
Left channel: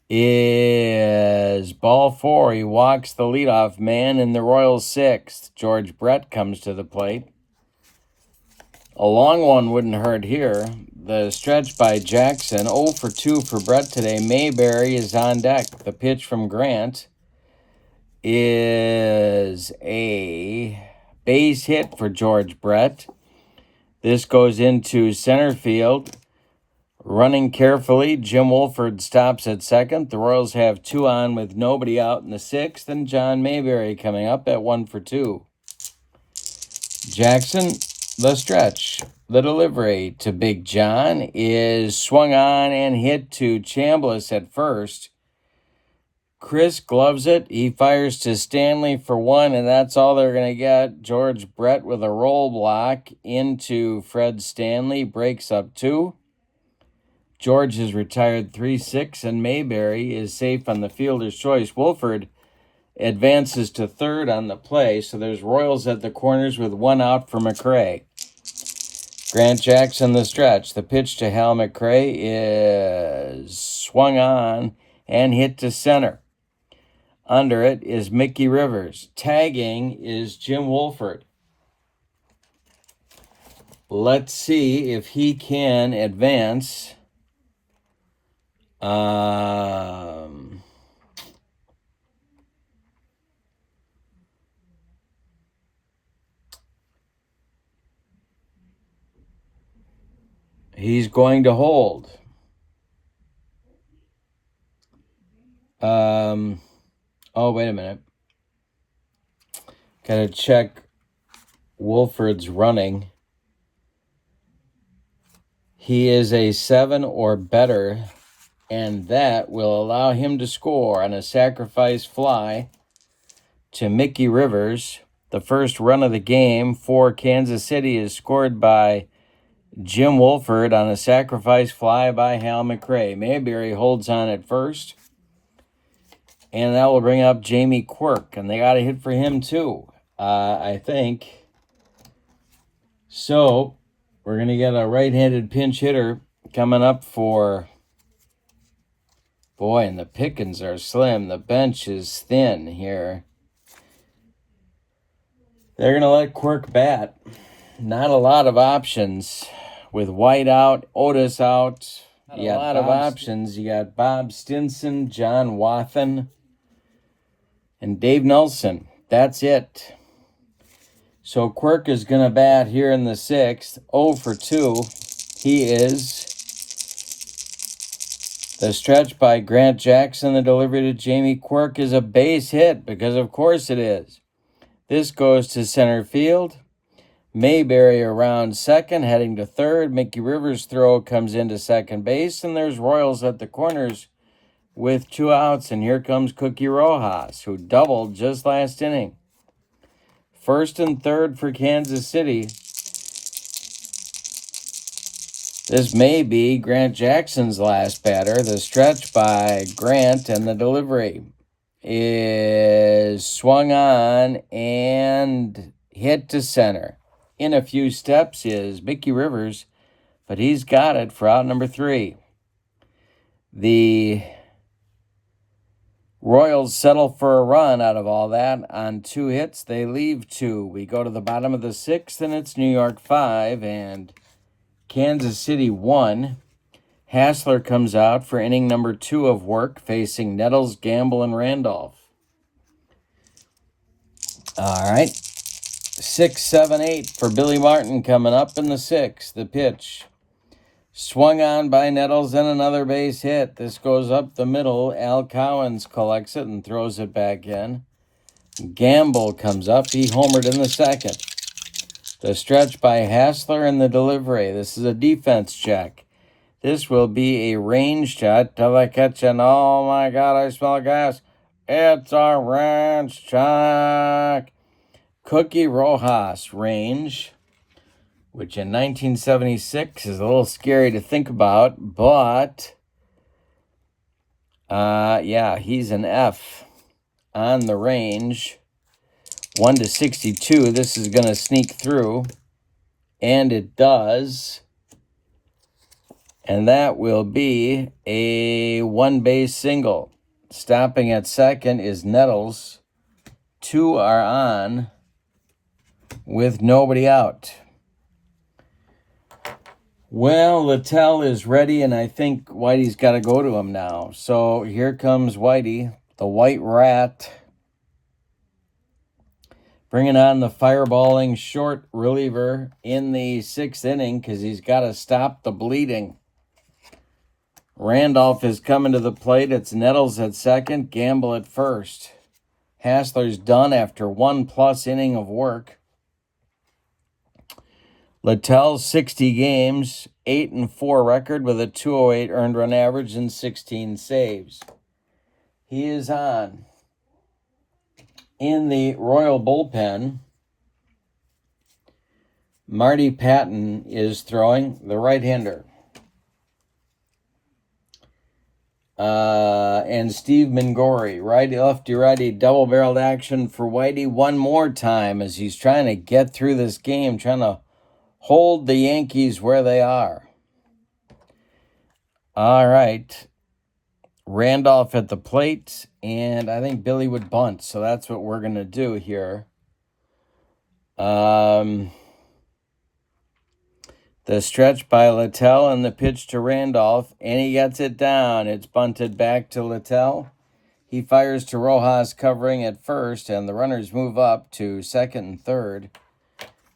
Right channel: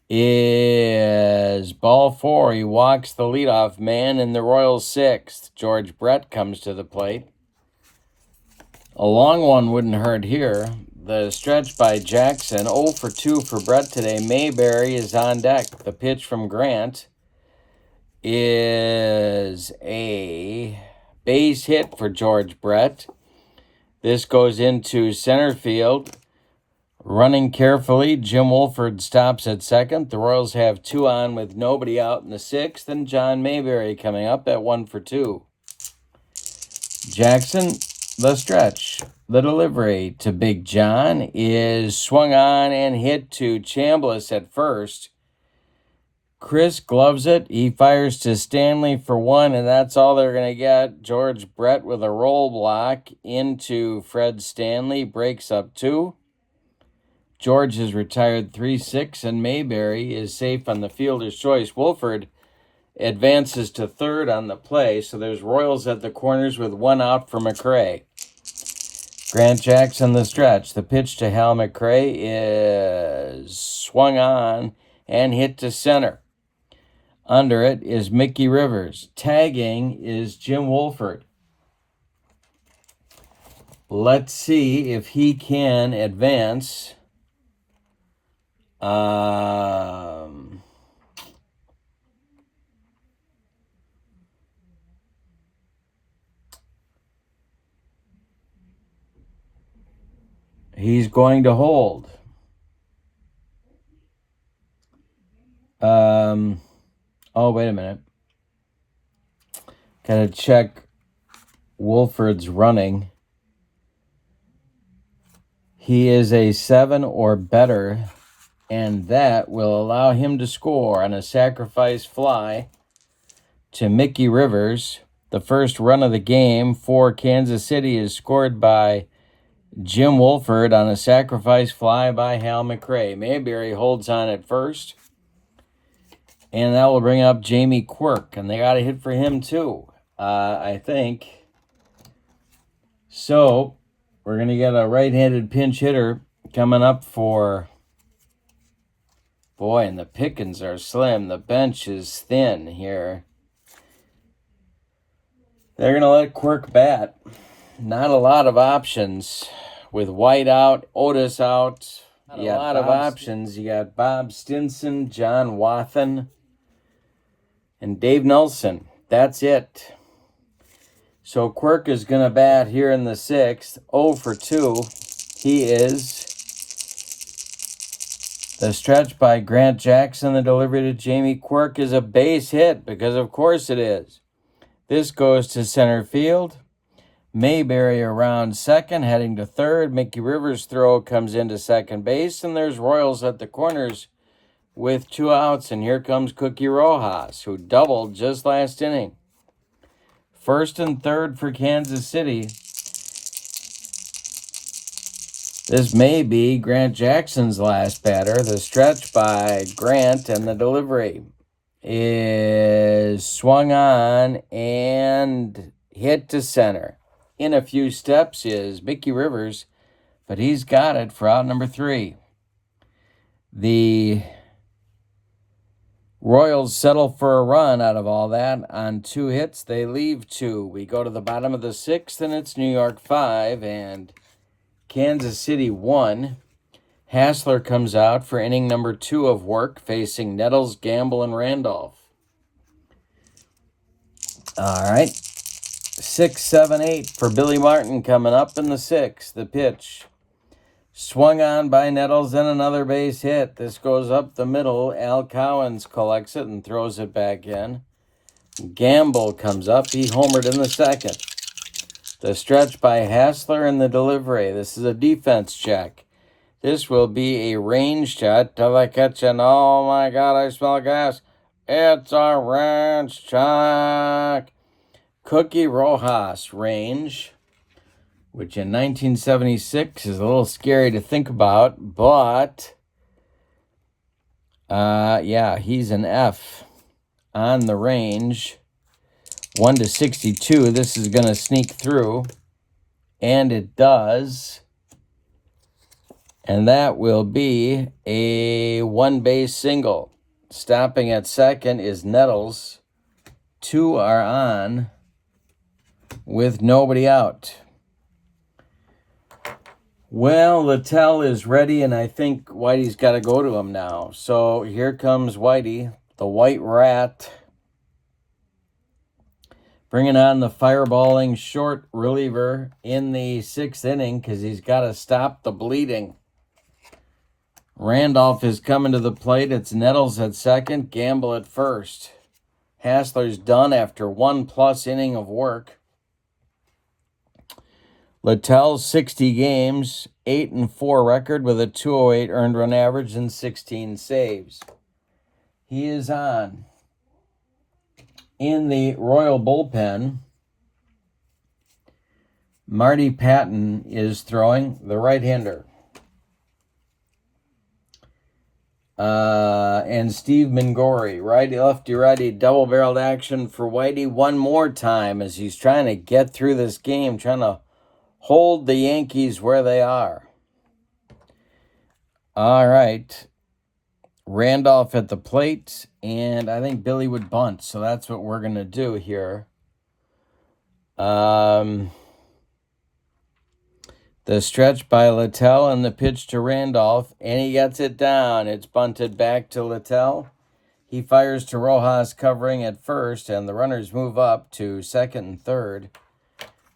is ball 4. He walks the leadoff man in the Royals' 6th. George Brett comes to the plate. A long one wouldn't hurt here. The stretch by Jackson, 0 for 2 for Brett today. Mayberry is on deck. The pitch from Grant is a base hit for George Brett. This goes into center field. Running carefully, Jim Woolford stops at second. The Royals have 2 on with nobody out in the 6th, and John Mayberry coming up at 1 for 2. Jackson, the stretch. The delivery to Big John is swung on and hit to Chambliss at first. Chris gloves it. He fires to Stanley for 1, and that's all they're going to get. George Brett with a roll block into Fred Stanley. Breaks up 2. George is retired 3-6, and Mayberry is safe on the fielder's choice. Woolford advances to third on the play, so there's Royals at the corners with 1 out for McRae. Grant Jackson, the stretch. The pitch to Hal McRae is swung on and hit to center. Under it is Mickey Rivers. Tagging is Jim Woolford. Let's see if he can advance. He's going to hold. Oh, wait a minute. Gotta check Woolford's running. He is a 7 or better, and that will allow him to score on a sacrifice fly to Mickey Rivers. The first run of the game for Kansas City is scored by Jim Woolford on a sacrifice fly by Hal McRae. Mayberry holds on at first, and that will bring up Jamie Quirk, and they got a hit for him too, I think. So we're going to get a right-handed pinch hitter coming up for... Boy, and the pickings are slim. The bench is thin here. They're going to let Quirk bat. Not a lot of options. With White out, Otis out. You got a lot of options. You got Bob Stinson, John Wathan, and Dave Nelson. That's it. So Quirk is going to bat here in the 6th. 0 for 2. He is. The stretch by Grant Jackson, the delivery to Jamie Quirk is a base hit, because of course it is. This goes to center field. Mayberry around second, heading to third. Mickey Rivers' throw comes into second base, and there's Royals at the corners with 2 outs, and here comes Cookie Rojas, who doubled just last inning. First and third for Kansas City. This may be Grant Jackson's last batter. The stretch by Grant, and the delivery is swung on and hit to center. In a few steps is Mickey Rivers, but he's got it for out number 3. The Royals settle for a run out of all that. On 2 hits, they leave 2. We go to the bottom of the 6th, and it's New York 5 and Kansas City 1. Hassler comes out for inning number 2 of work, facing Nettles, Gamble, and Randolph. All right. 6, 7, 8 for Billy Martin coming up in the 6th. The pitch swung on by Nettles and another base hit. This goes up the middle. Al Cowens collects it and throws it back in. Gamble comes up. He homered in the 2nd. The stretch by Hassler in the delivery. This is a defense check. This will be a range shot till I catch an, oh my God, I smell gas. It's a range check. Cookie Rojas range, which in 1976 is a little scary to think about, but yeah, he's an F on the range. 1 to 62. This is going to sneak through, and it does. And that will be a 1-base single. Stopping at 2nd is Nettles. 2 are on with nobody out. Well, Littell is ready, and I think Whitey's got to go to him now. So here comes Whitey, the White Rat, bringing on the fireballing short reliever in the 6th inning because he's got to stop the bleeding. Randolph is coming to the plate. It's Nettles at 2nd, Gamble at 1st. Hassler's done after 1+ inning of work. Littell, 60 games, 8-4 record with a 208 earned run average and 16 saves. He is on. In the Royal bullpen, Marty Patton is throwing, the right-hander. And Steve Mingori, righty, lefty, righty, double-barreled action for Whitey one more time as he's trying to get through this game, trying to hold the Yankees where they are. All right. Randolph at the plate, and I think Billy would bunt, so that's what we're going to do here. The stretch by Littell and the pitch to Randolph, and he gets it down. It's bunted back to Littell. He fires to Rojas covering at 1st, and the runners move up to 2nd and 3rd.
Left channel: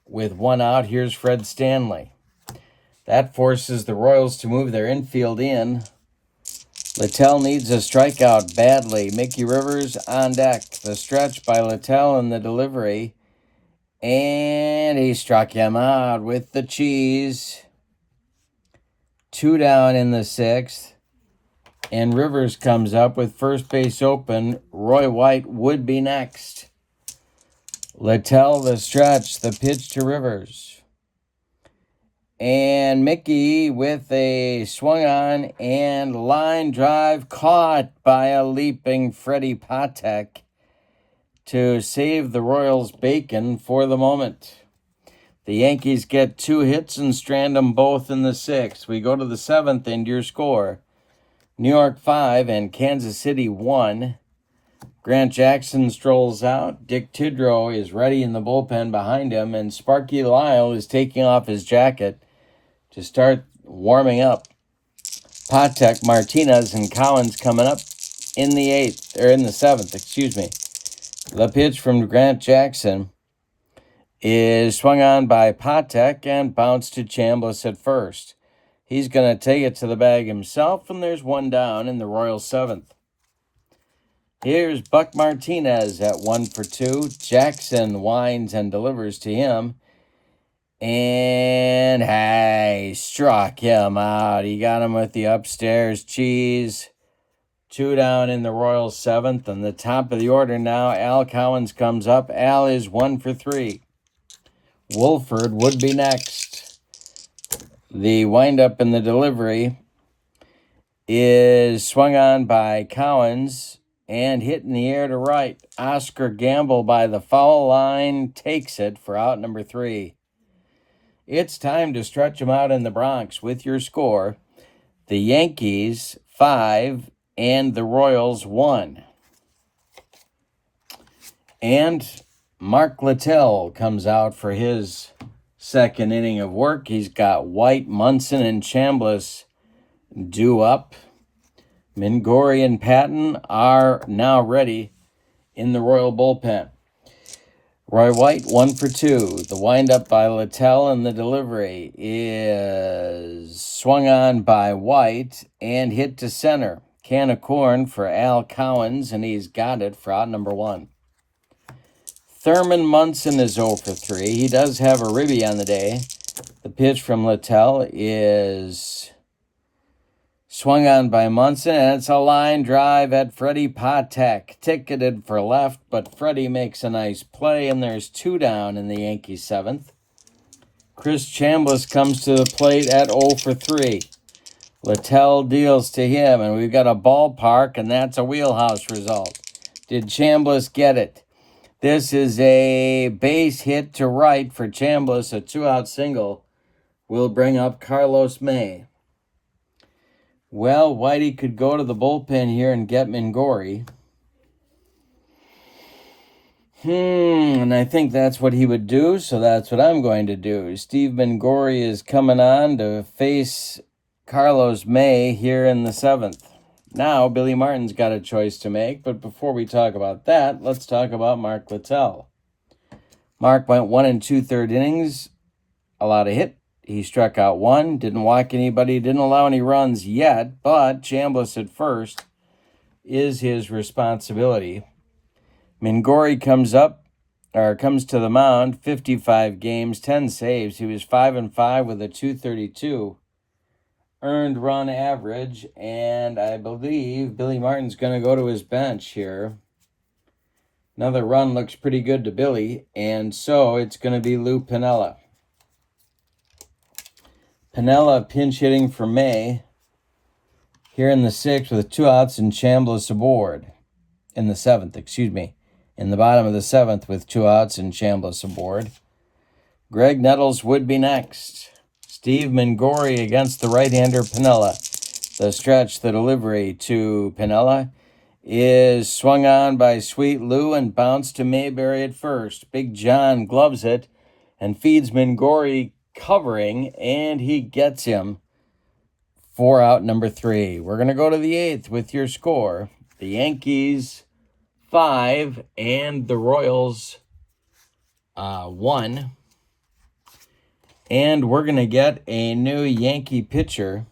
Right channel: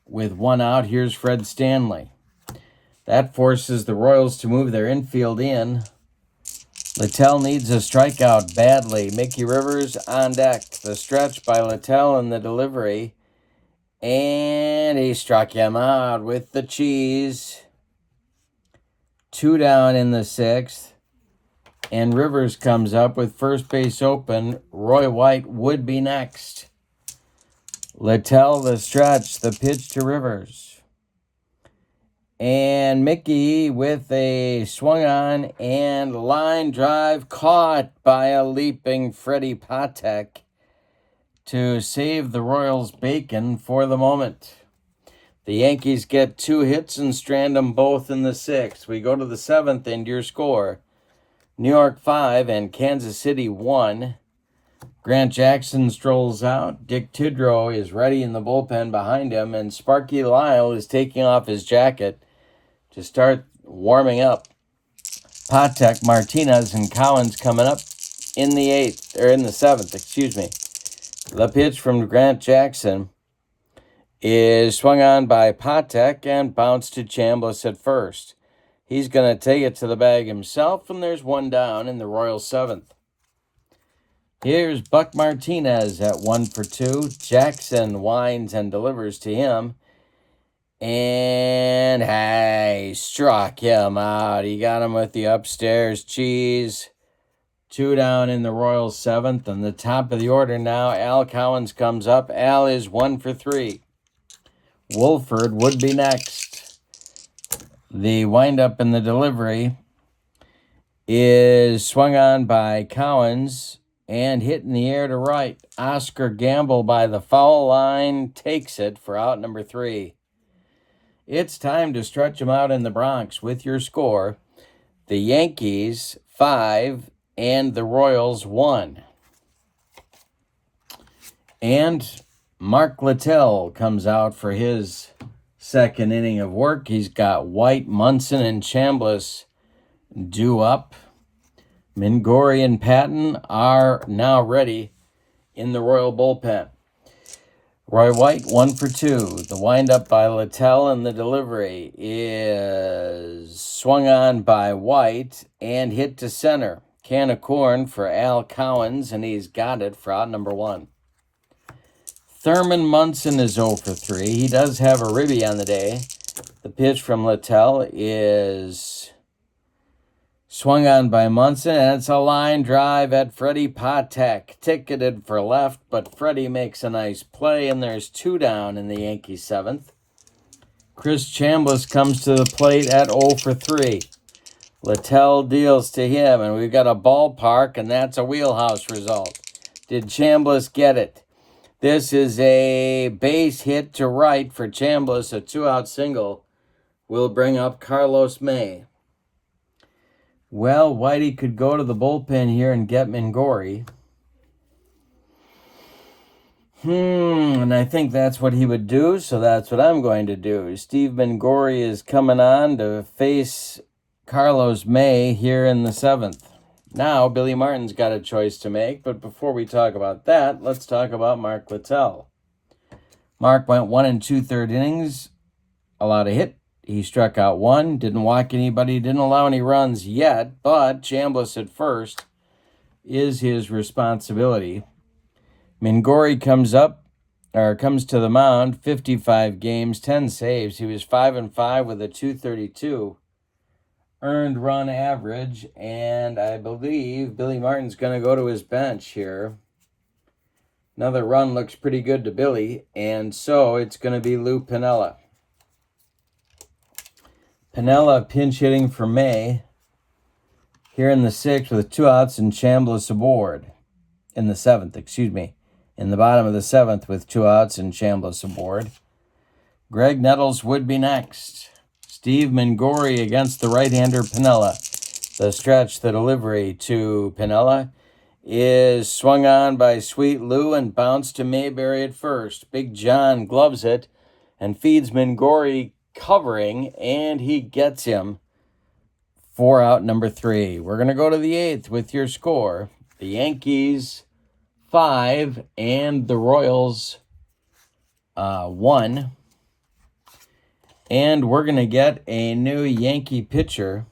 With 1 out, here's Fred Stanley. That forces the Royals to move their infield in. Littell needs a strikeout badly. Mickey Rivers on deck. The stretch by Littell and the delivery. And he struck him out with the cheese. 2 down in the 6th. And Rivers comes up with first base open. Roy White would be next. Littell, the stretch, the pitch to Rivers. And Mickey with a swung on and line drive caught by a leaping Freddie Patek to save the Royals bacon for the moment. The Yankees get 2 hits and strand them both in the 6th. We go to the 7th and your score. New York 5 and Kansas City 1. Grant Jackson strolls out. Dick Tidrow is ready in the bullpen behind him, and Sparky Lyle is taking off his jacket to start warming up. Patek, Martinez, and Collins coming up in the 7th, excuse me. The pitch from Grant Jackson is swung on by Patek and bounced to Chambliss at 1st. He's going to take it to the bag himself, and there's 1 down in the Royals 7th. Here's Buck Martinez at 1 for 2. Jackson winds and delivers to him. And hey, struck him out. He got him with the upstairs cheese. 2 down in the Royals 7th. And the top of the order now, Al Cowens comes up. Al is 1 for 3. Wolford would be next. The windup in the delivery is swung on by Cowens and hit in the air to right. Oscar Gamble by the foul line takes it for out number 3. It's time to stretch them out in the Bronx with your score. The Yankees 5 and the Royals 1. And Mark Littell comes out for his 2nd inning of work. He's got White, Munson, and Chambliss due up. Mingori and Patton are now ready in the Royal bullpen. Roy White, 1 for 2. The windup by Littell, and the delivery is swung on by White and hit to center. Can of corn for Al Cowens, and he's got it for out number 1. Thurman Munson is 0 for 3. He does have a ribby on the day. The pitch from Littell is swung on by Munson, and it's a line drive at Freddie Patek. Ticketed for left, but Freddie makes a nice play, and there's 2 down in the Yankees' 7th. Chris Chambliss comes to the plate at 0 for 3. Littell deals to him, and we've got a ballpark, and that's a wheelhouse result. Did Chambliss get it? This is a base hit to right for Chambliss. A 2-out single will bring up Carlos May. Well, Whitey could go to the bullpen here and get Mingori. And I think that's what he would do, so that's what I'm going to do. Steve Mingori is coming on to face Carlos May here in the 7th. Now, Billy Martin's got a choice to make, but before we talk about that, let's talk about Mark Littell. Mark went 1 2/3 innings, allowed a hit. He struck out 1, didn't walk anybody, didn't allow any runs yet, but Chambliss at first is his responsibility. Mingori comes to the mound, 55 games, 10 saves. He was 5-5 with a 232 earned run average, and I believe Billy Martin's going to go to his bench here. Another run looks pretty good to Billy, and so it's going to be Lou Piniella. Piniella pinch hitting for May here in the 6th with 2 outs and Chambliss aboard. In the 7th, in the bottom of the 7th with 2 outs and Chambliss aboard. Greg Nettles would be next. Steve Mingori against the right-hander Piniella. The stretch, the delivery to Piniella is swung on by Sweet Lou and bounced to Mayberry at first. Big John gloves it and feeds Mingori covering, and he gets him for out number 3. We're going to go to the 8th with your score. The Yankees 5 and the Royals 1. And we're going to get a new Yankee pitcher.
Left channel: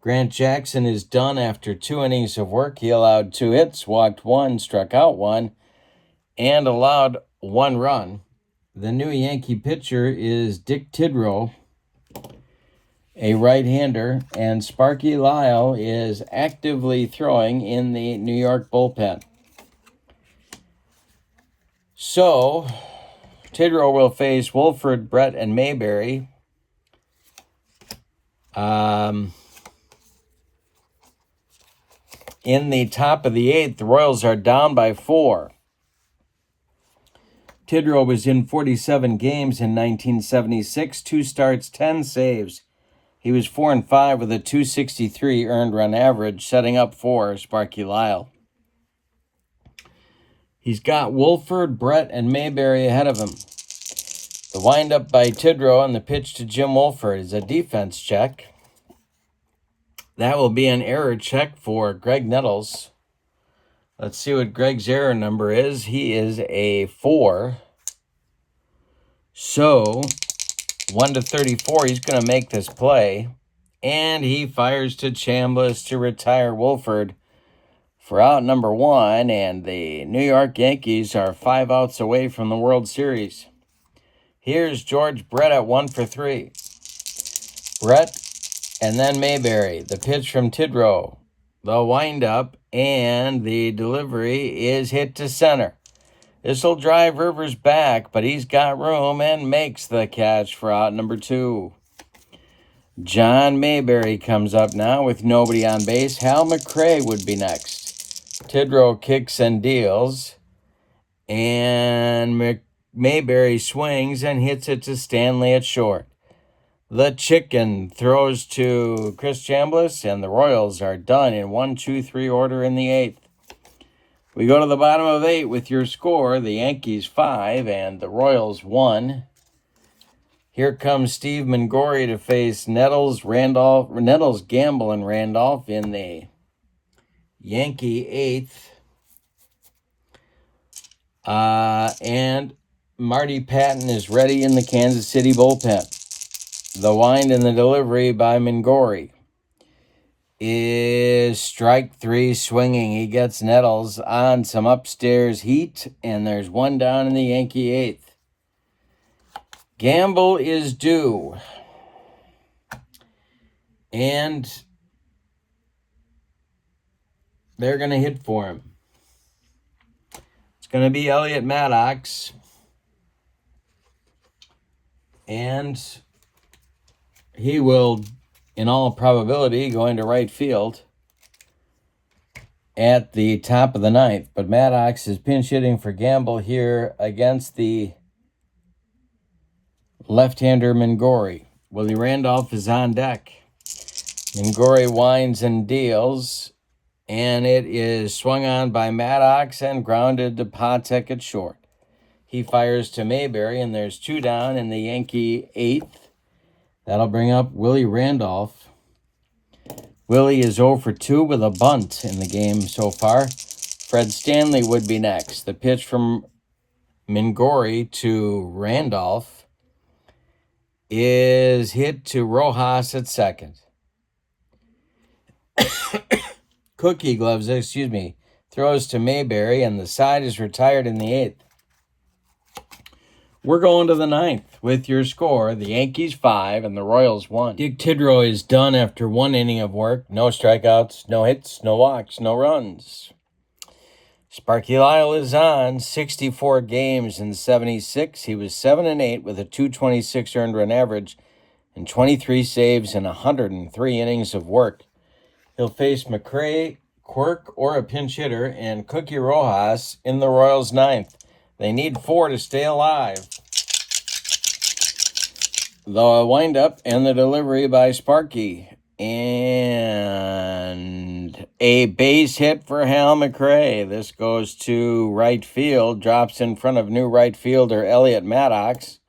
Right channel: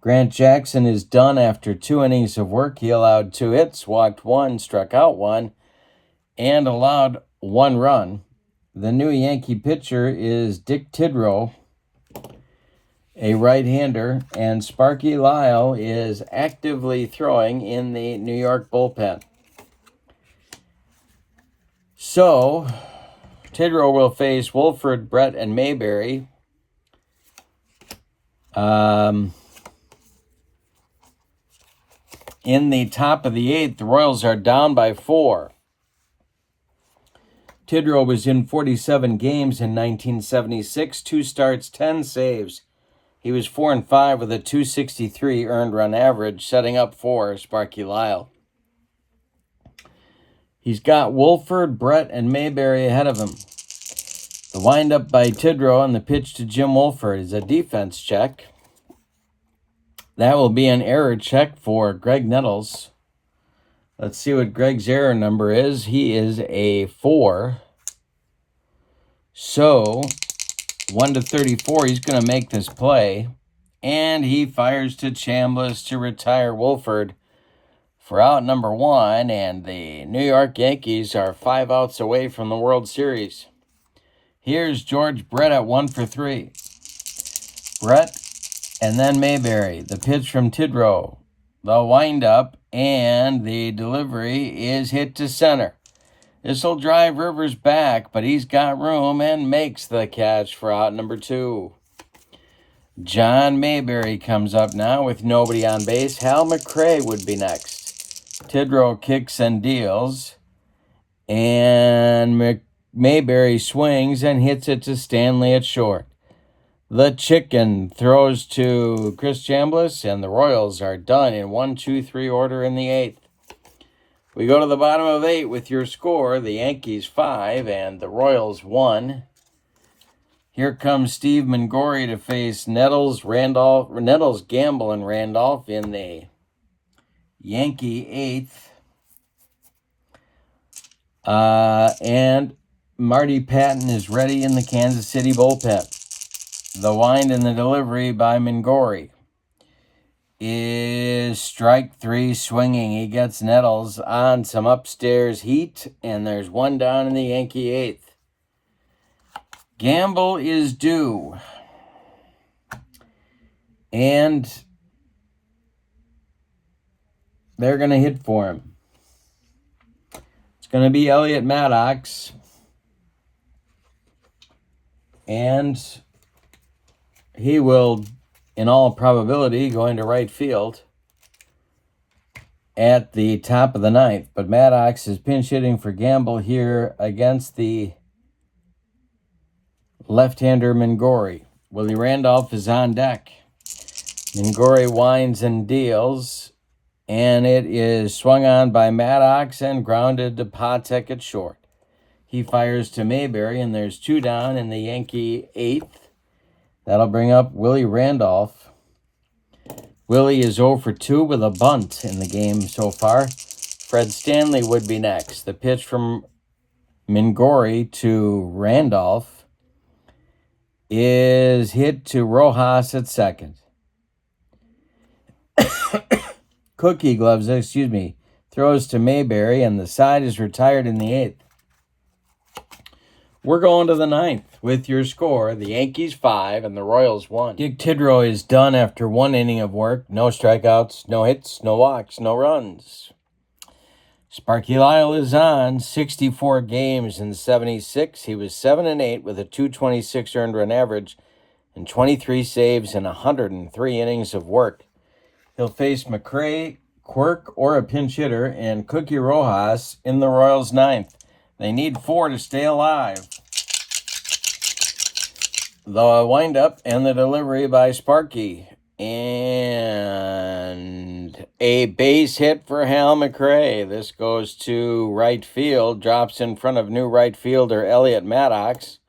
Grant Jackson is done after 2 innings of work. He allowed 2 hits, walked 1, struck out 1, and allowed 1 run. The new Yankee pitcher is Dick Tidrow, a right-hander, and Sparky Lyle is actively throwing in the New York bullpen. So, Tidrow will face Wolford, Brett, and Mayberry. In the top of the 8th, the Royals are down by 4. Tidrow was in 47 games in 1976, 2 starts, 10 saves. He was 4-5 with a 263 earned run average, setting up for Sparky Lyle. He's got Wolford, Brett, and Mayberry ahead of him. The windup by Tidrow and the pitch to Jim Wolford is a defense check. That will be an error check for Greg Nettles. Let's see what Greg's error number is. He is a 4. So, 1 to 34, he's going to make this play. And he fires to Chambliss to retire Wolford for out number 1. And the New York Yankees are 5 outs away from the World Series. Here's George Brett at 1 for 3. Brett and then Mayberry. The pitch from Tidrow. The windup and the delivery is hit to center. This will drive Rivers back, but he's got room and makes the catch for out number 2. John Mayberry comes up now with nobody on base. Hal McRae would be next. Tidrow kicks and deals, and Mayberry swings and hits it to Stanley at short. The Chicken throws to Chris Chambliss, and the Royals are done in 1-2-3 order in the 8th. We go to the bottom of 8 with your score. The Yankees 5 and the Royals 1. Here comes Steve Mingori to face Nettles, Gamble, and Randolph in the Yankee 8th. And Marty Patton is ready in the Kansas City bullpen. The wind and the delivery by Mingori is strike 3 swinging. He gets Nettles on some upstairs heat, and there's one down in the Yankee 8th. Gamble is due. And they're going to hit for him. It's going to be Elliot Maddox. And he will, in all probability, go into right field at the top of the 9th. But Maddox is pinch hitting for Gamble here against the left-hander Mingori. Willie Randolph is on deck. Mingori winds and deals, and it is swung on by Maddox and grounded to Patek at short. He fires to Mayberry, and there's 2 down in the Yankee 8th. That'll bring up Willie Randolph. Willie is 0 for 2 with a bunt in the game so far. Fred Stanley would be next. The pitch from Mingori to Randolph is hit to Rojas at second. Cookie Gloves, throws to Mayberry, and the side is retired in the 8th. We're going to the 9th with your score, the Yankees 5 and the Royals 1. Dick Tidrow is done after 1 inning of work. No strikeouts, no hits, no walks, no runs. Sparky Lyle is on 64 games in 76. He was 7-8 with a .226 earned run average and 23 saves in 103 innings of work. He'll face McRae, Quirk, or a pinch hitter, and Cookie Rojas in the Royals' 9th. They need 4 to stay alive. The windup and the delivery by Sparky. And a base hit for Hal McRae. This goes to right field, drops in front of new right fielder Elliot Maddox.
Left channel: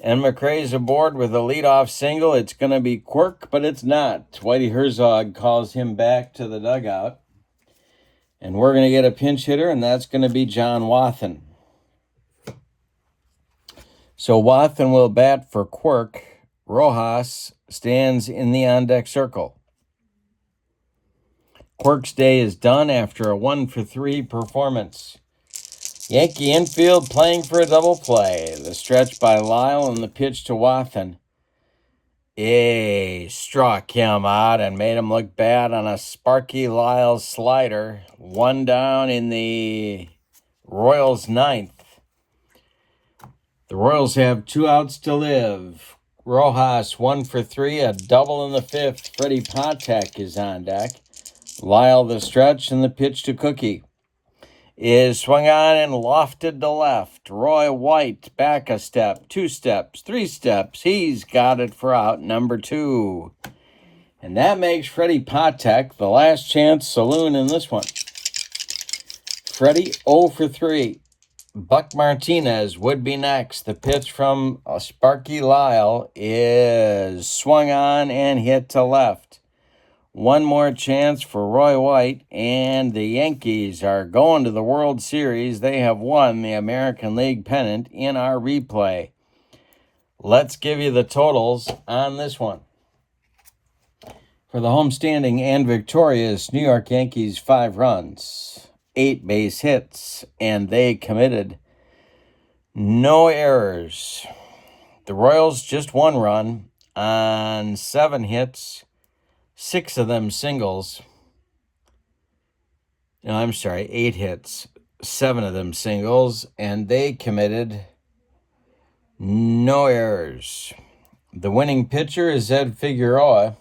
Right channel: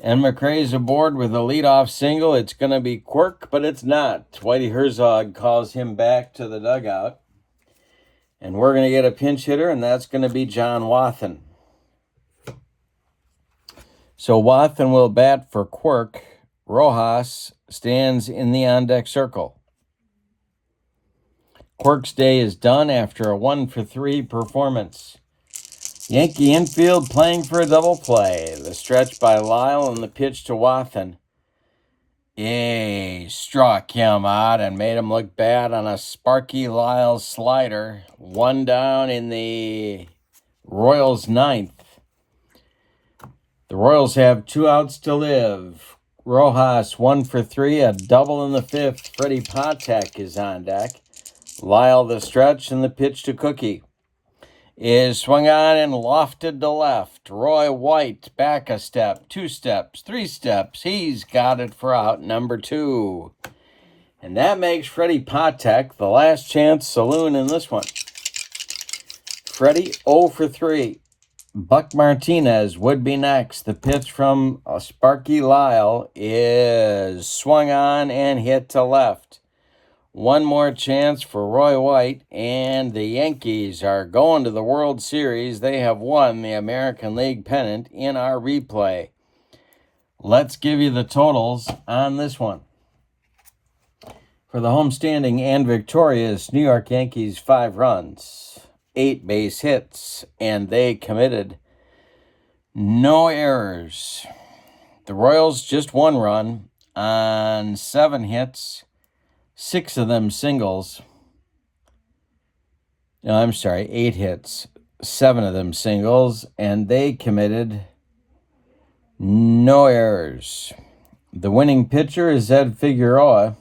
And McRae's aboard with a leadoff single. It's going to be Quirk, but it's not. Whitey Herzog calls him back to the dugout. And we're going to get a pinch hitter, and that's going to be John Wathen. So Wathen will bat for Quirk. Rojas stands in the on-deck circle. Quirk's day is done after a 1 for 3 performance. Yankee infield playing for a double play. The stretch by Lyle and the pitch to Wathen. Struck him out and made him look bad on a Sparky Lyle slider. 1 down in the Royals' 9th. The Royals have 2 outs to live. Rojas 1 for 3, a double in the 5th. Freddie Patek is on deck. Lyle the stretch, and the pitch to Cookie is swung on and lofted to left. Roy White back a step, 2 steps, 3 steps. He's got it for out number 2. And that makes Freddie Patek the last chance saloon in this one. Freddie 0 for 3. Buck Martinez would be next. The pitch from Sparky Lyle is swung on and hit to left. 1 more chance for Roy White, and the Yankees are going to the World Series. They have won the American League pennant in our replay. Let's give you the totals on this one. For the homestanding and victorious New York Yankees, 5 runs, 8 base hits, and they committed no errors. The Royals just 1 run on 7 hits, 6 of them singles. No, I'm sorry, 8 hits, 7 of them singles, and they committed no errors. The winning pitcher is Ed Figueroa.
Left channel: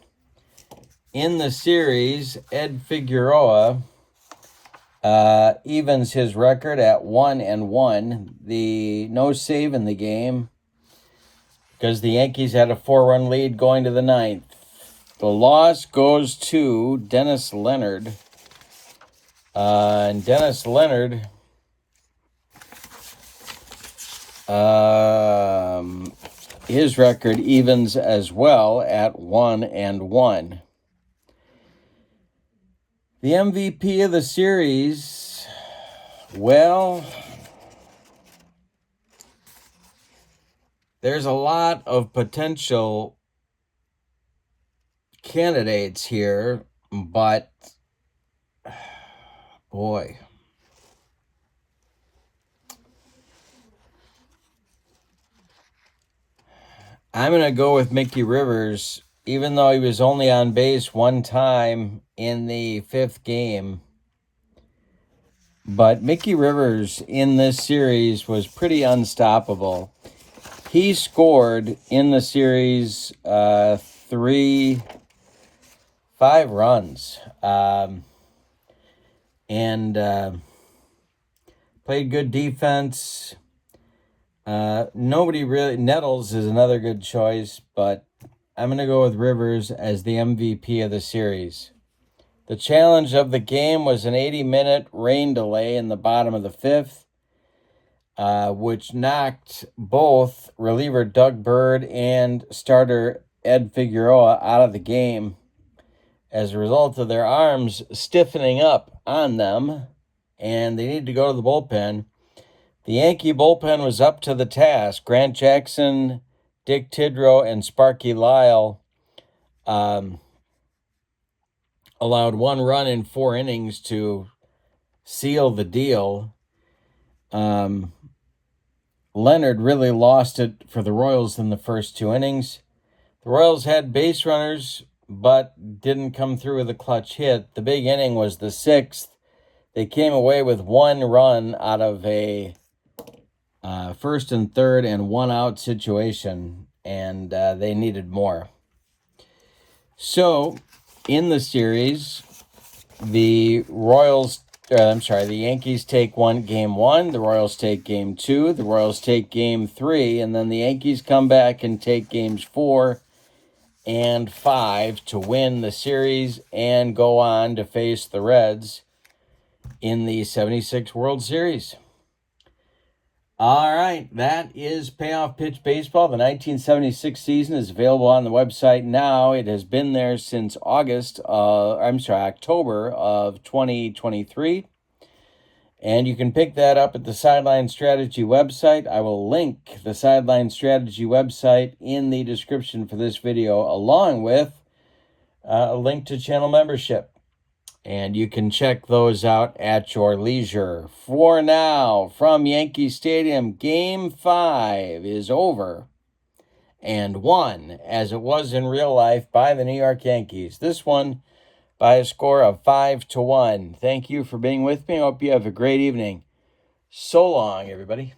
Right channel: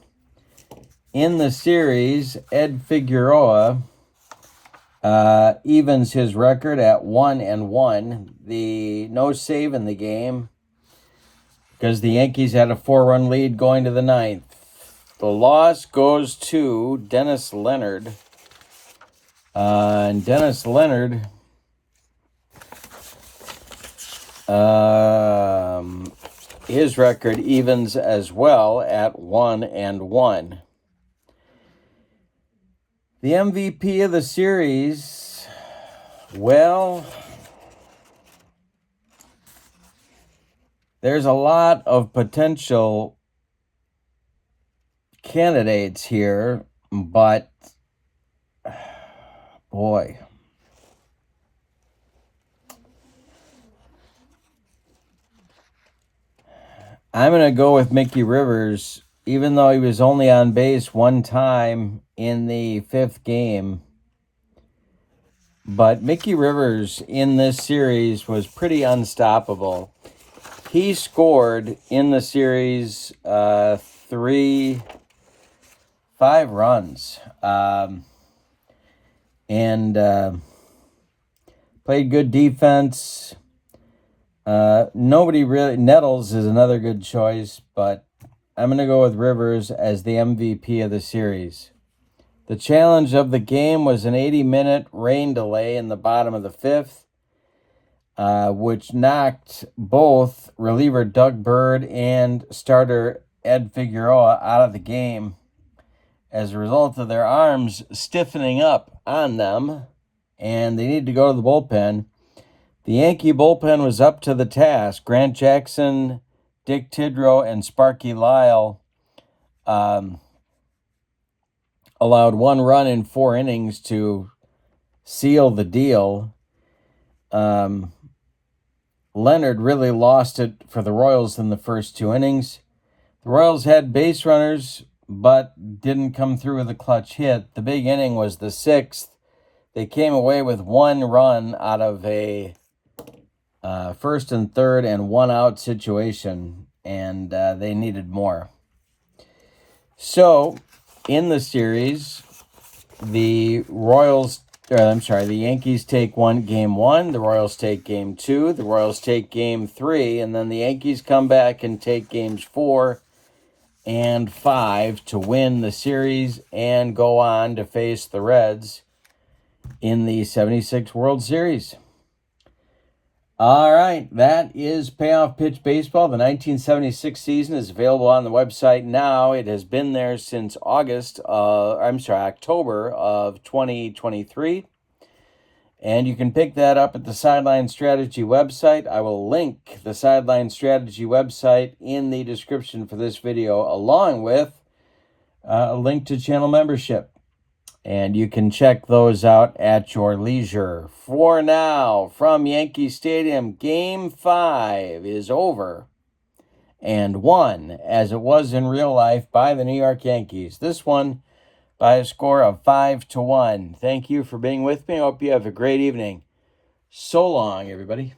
In the series, Ed Figueroa evens his record at 1-1. The no save in the game because the Yankees had a 4-run lead going to the 9th. The loss goes to Dennis Leonard. And Dennis Leonard his record evens as well at 1-1. The MVP of the series, well, There's a lot of potential candidates here, but boy, I'm going to go with Mickey Rivers, even though he was only on base one time in the 5th game. But Mickey Rivers in this series was pretty unstoppable. He scored in the series 5 runs and played good defense. Nobody really. Nettles is another good choice, but I'm going to go with Rivers as the MVP of the series. The challenge of the game was an 80-minute rain delay in the bottom of the 5th, which knocked both reliever Doug Bird and starter Ed Figueroa out of the game as a result of their arms stiffening up on them, and they needed to go to the bullpen. The Yankee bullpen was up to the task. Grant Jackson, Dick Tidrow, and Sparky Lyle allowed 1 run in 4 innings to seal the deal. Leonard really lost it for the Royals in the first 2 innings. The Royals had base runners, but didn't come through with a clutch hit. The big inning was the 6th. They came away with 1 run out of a 1st and 3rd and 1 out situation, and they needed more. So, in the series, the Yankees take game 1, the Royals take game 2, the Royals take game 3, and then the Yankees come back and take games 4 and 5 to win the series and go on to face the Reds in the 76 World Series. All right, that is Payoff Pitch Baseball. The 1976 season is available on the website now. It has been there since October of 2023. And you can pick that up at the Sideline Strategy website. I will link the Sideline Strategy website in the description for this video, along with a link to channel membership. And you can check those out at your leisure. For now, from Yankee Stadium, Game 5 is over and won, as it was in real life, by the New York Yankees. This one by a score of 5-1. Thank you for being with me. I hope you have a great evening. So long, everybody.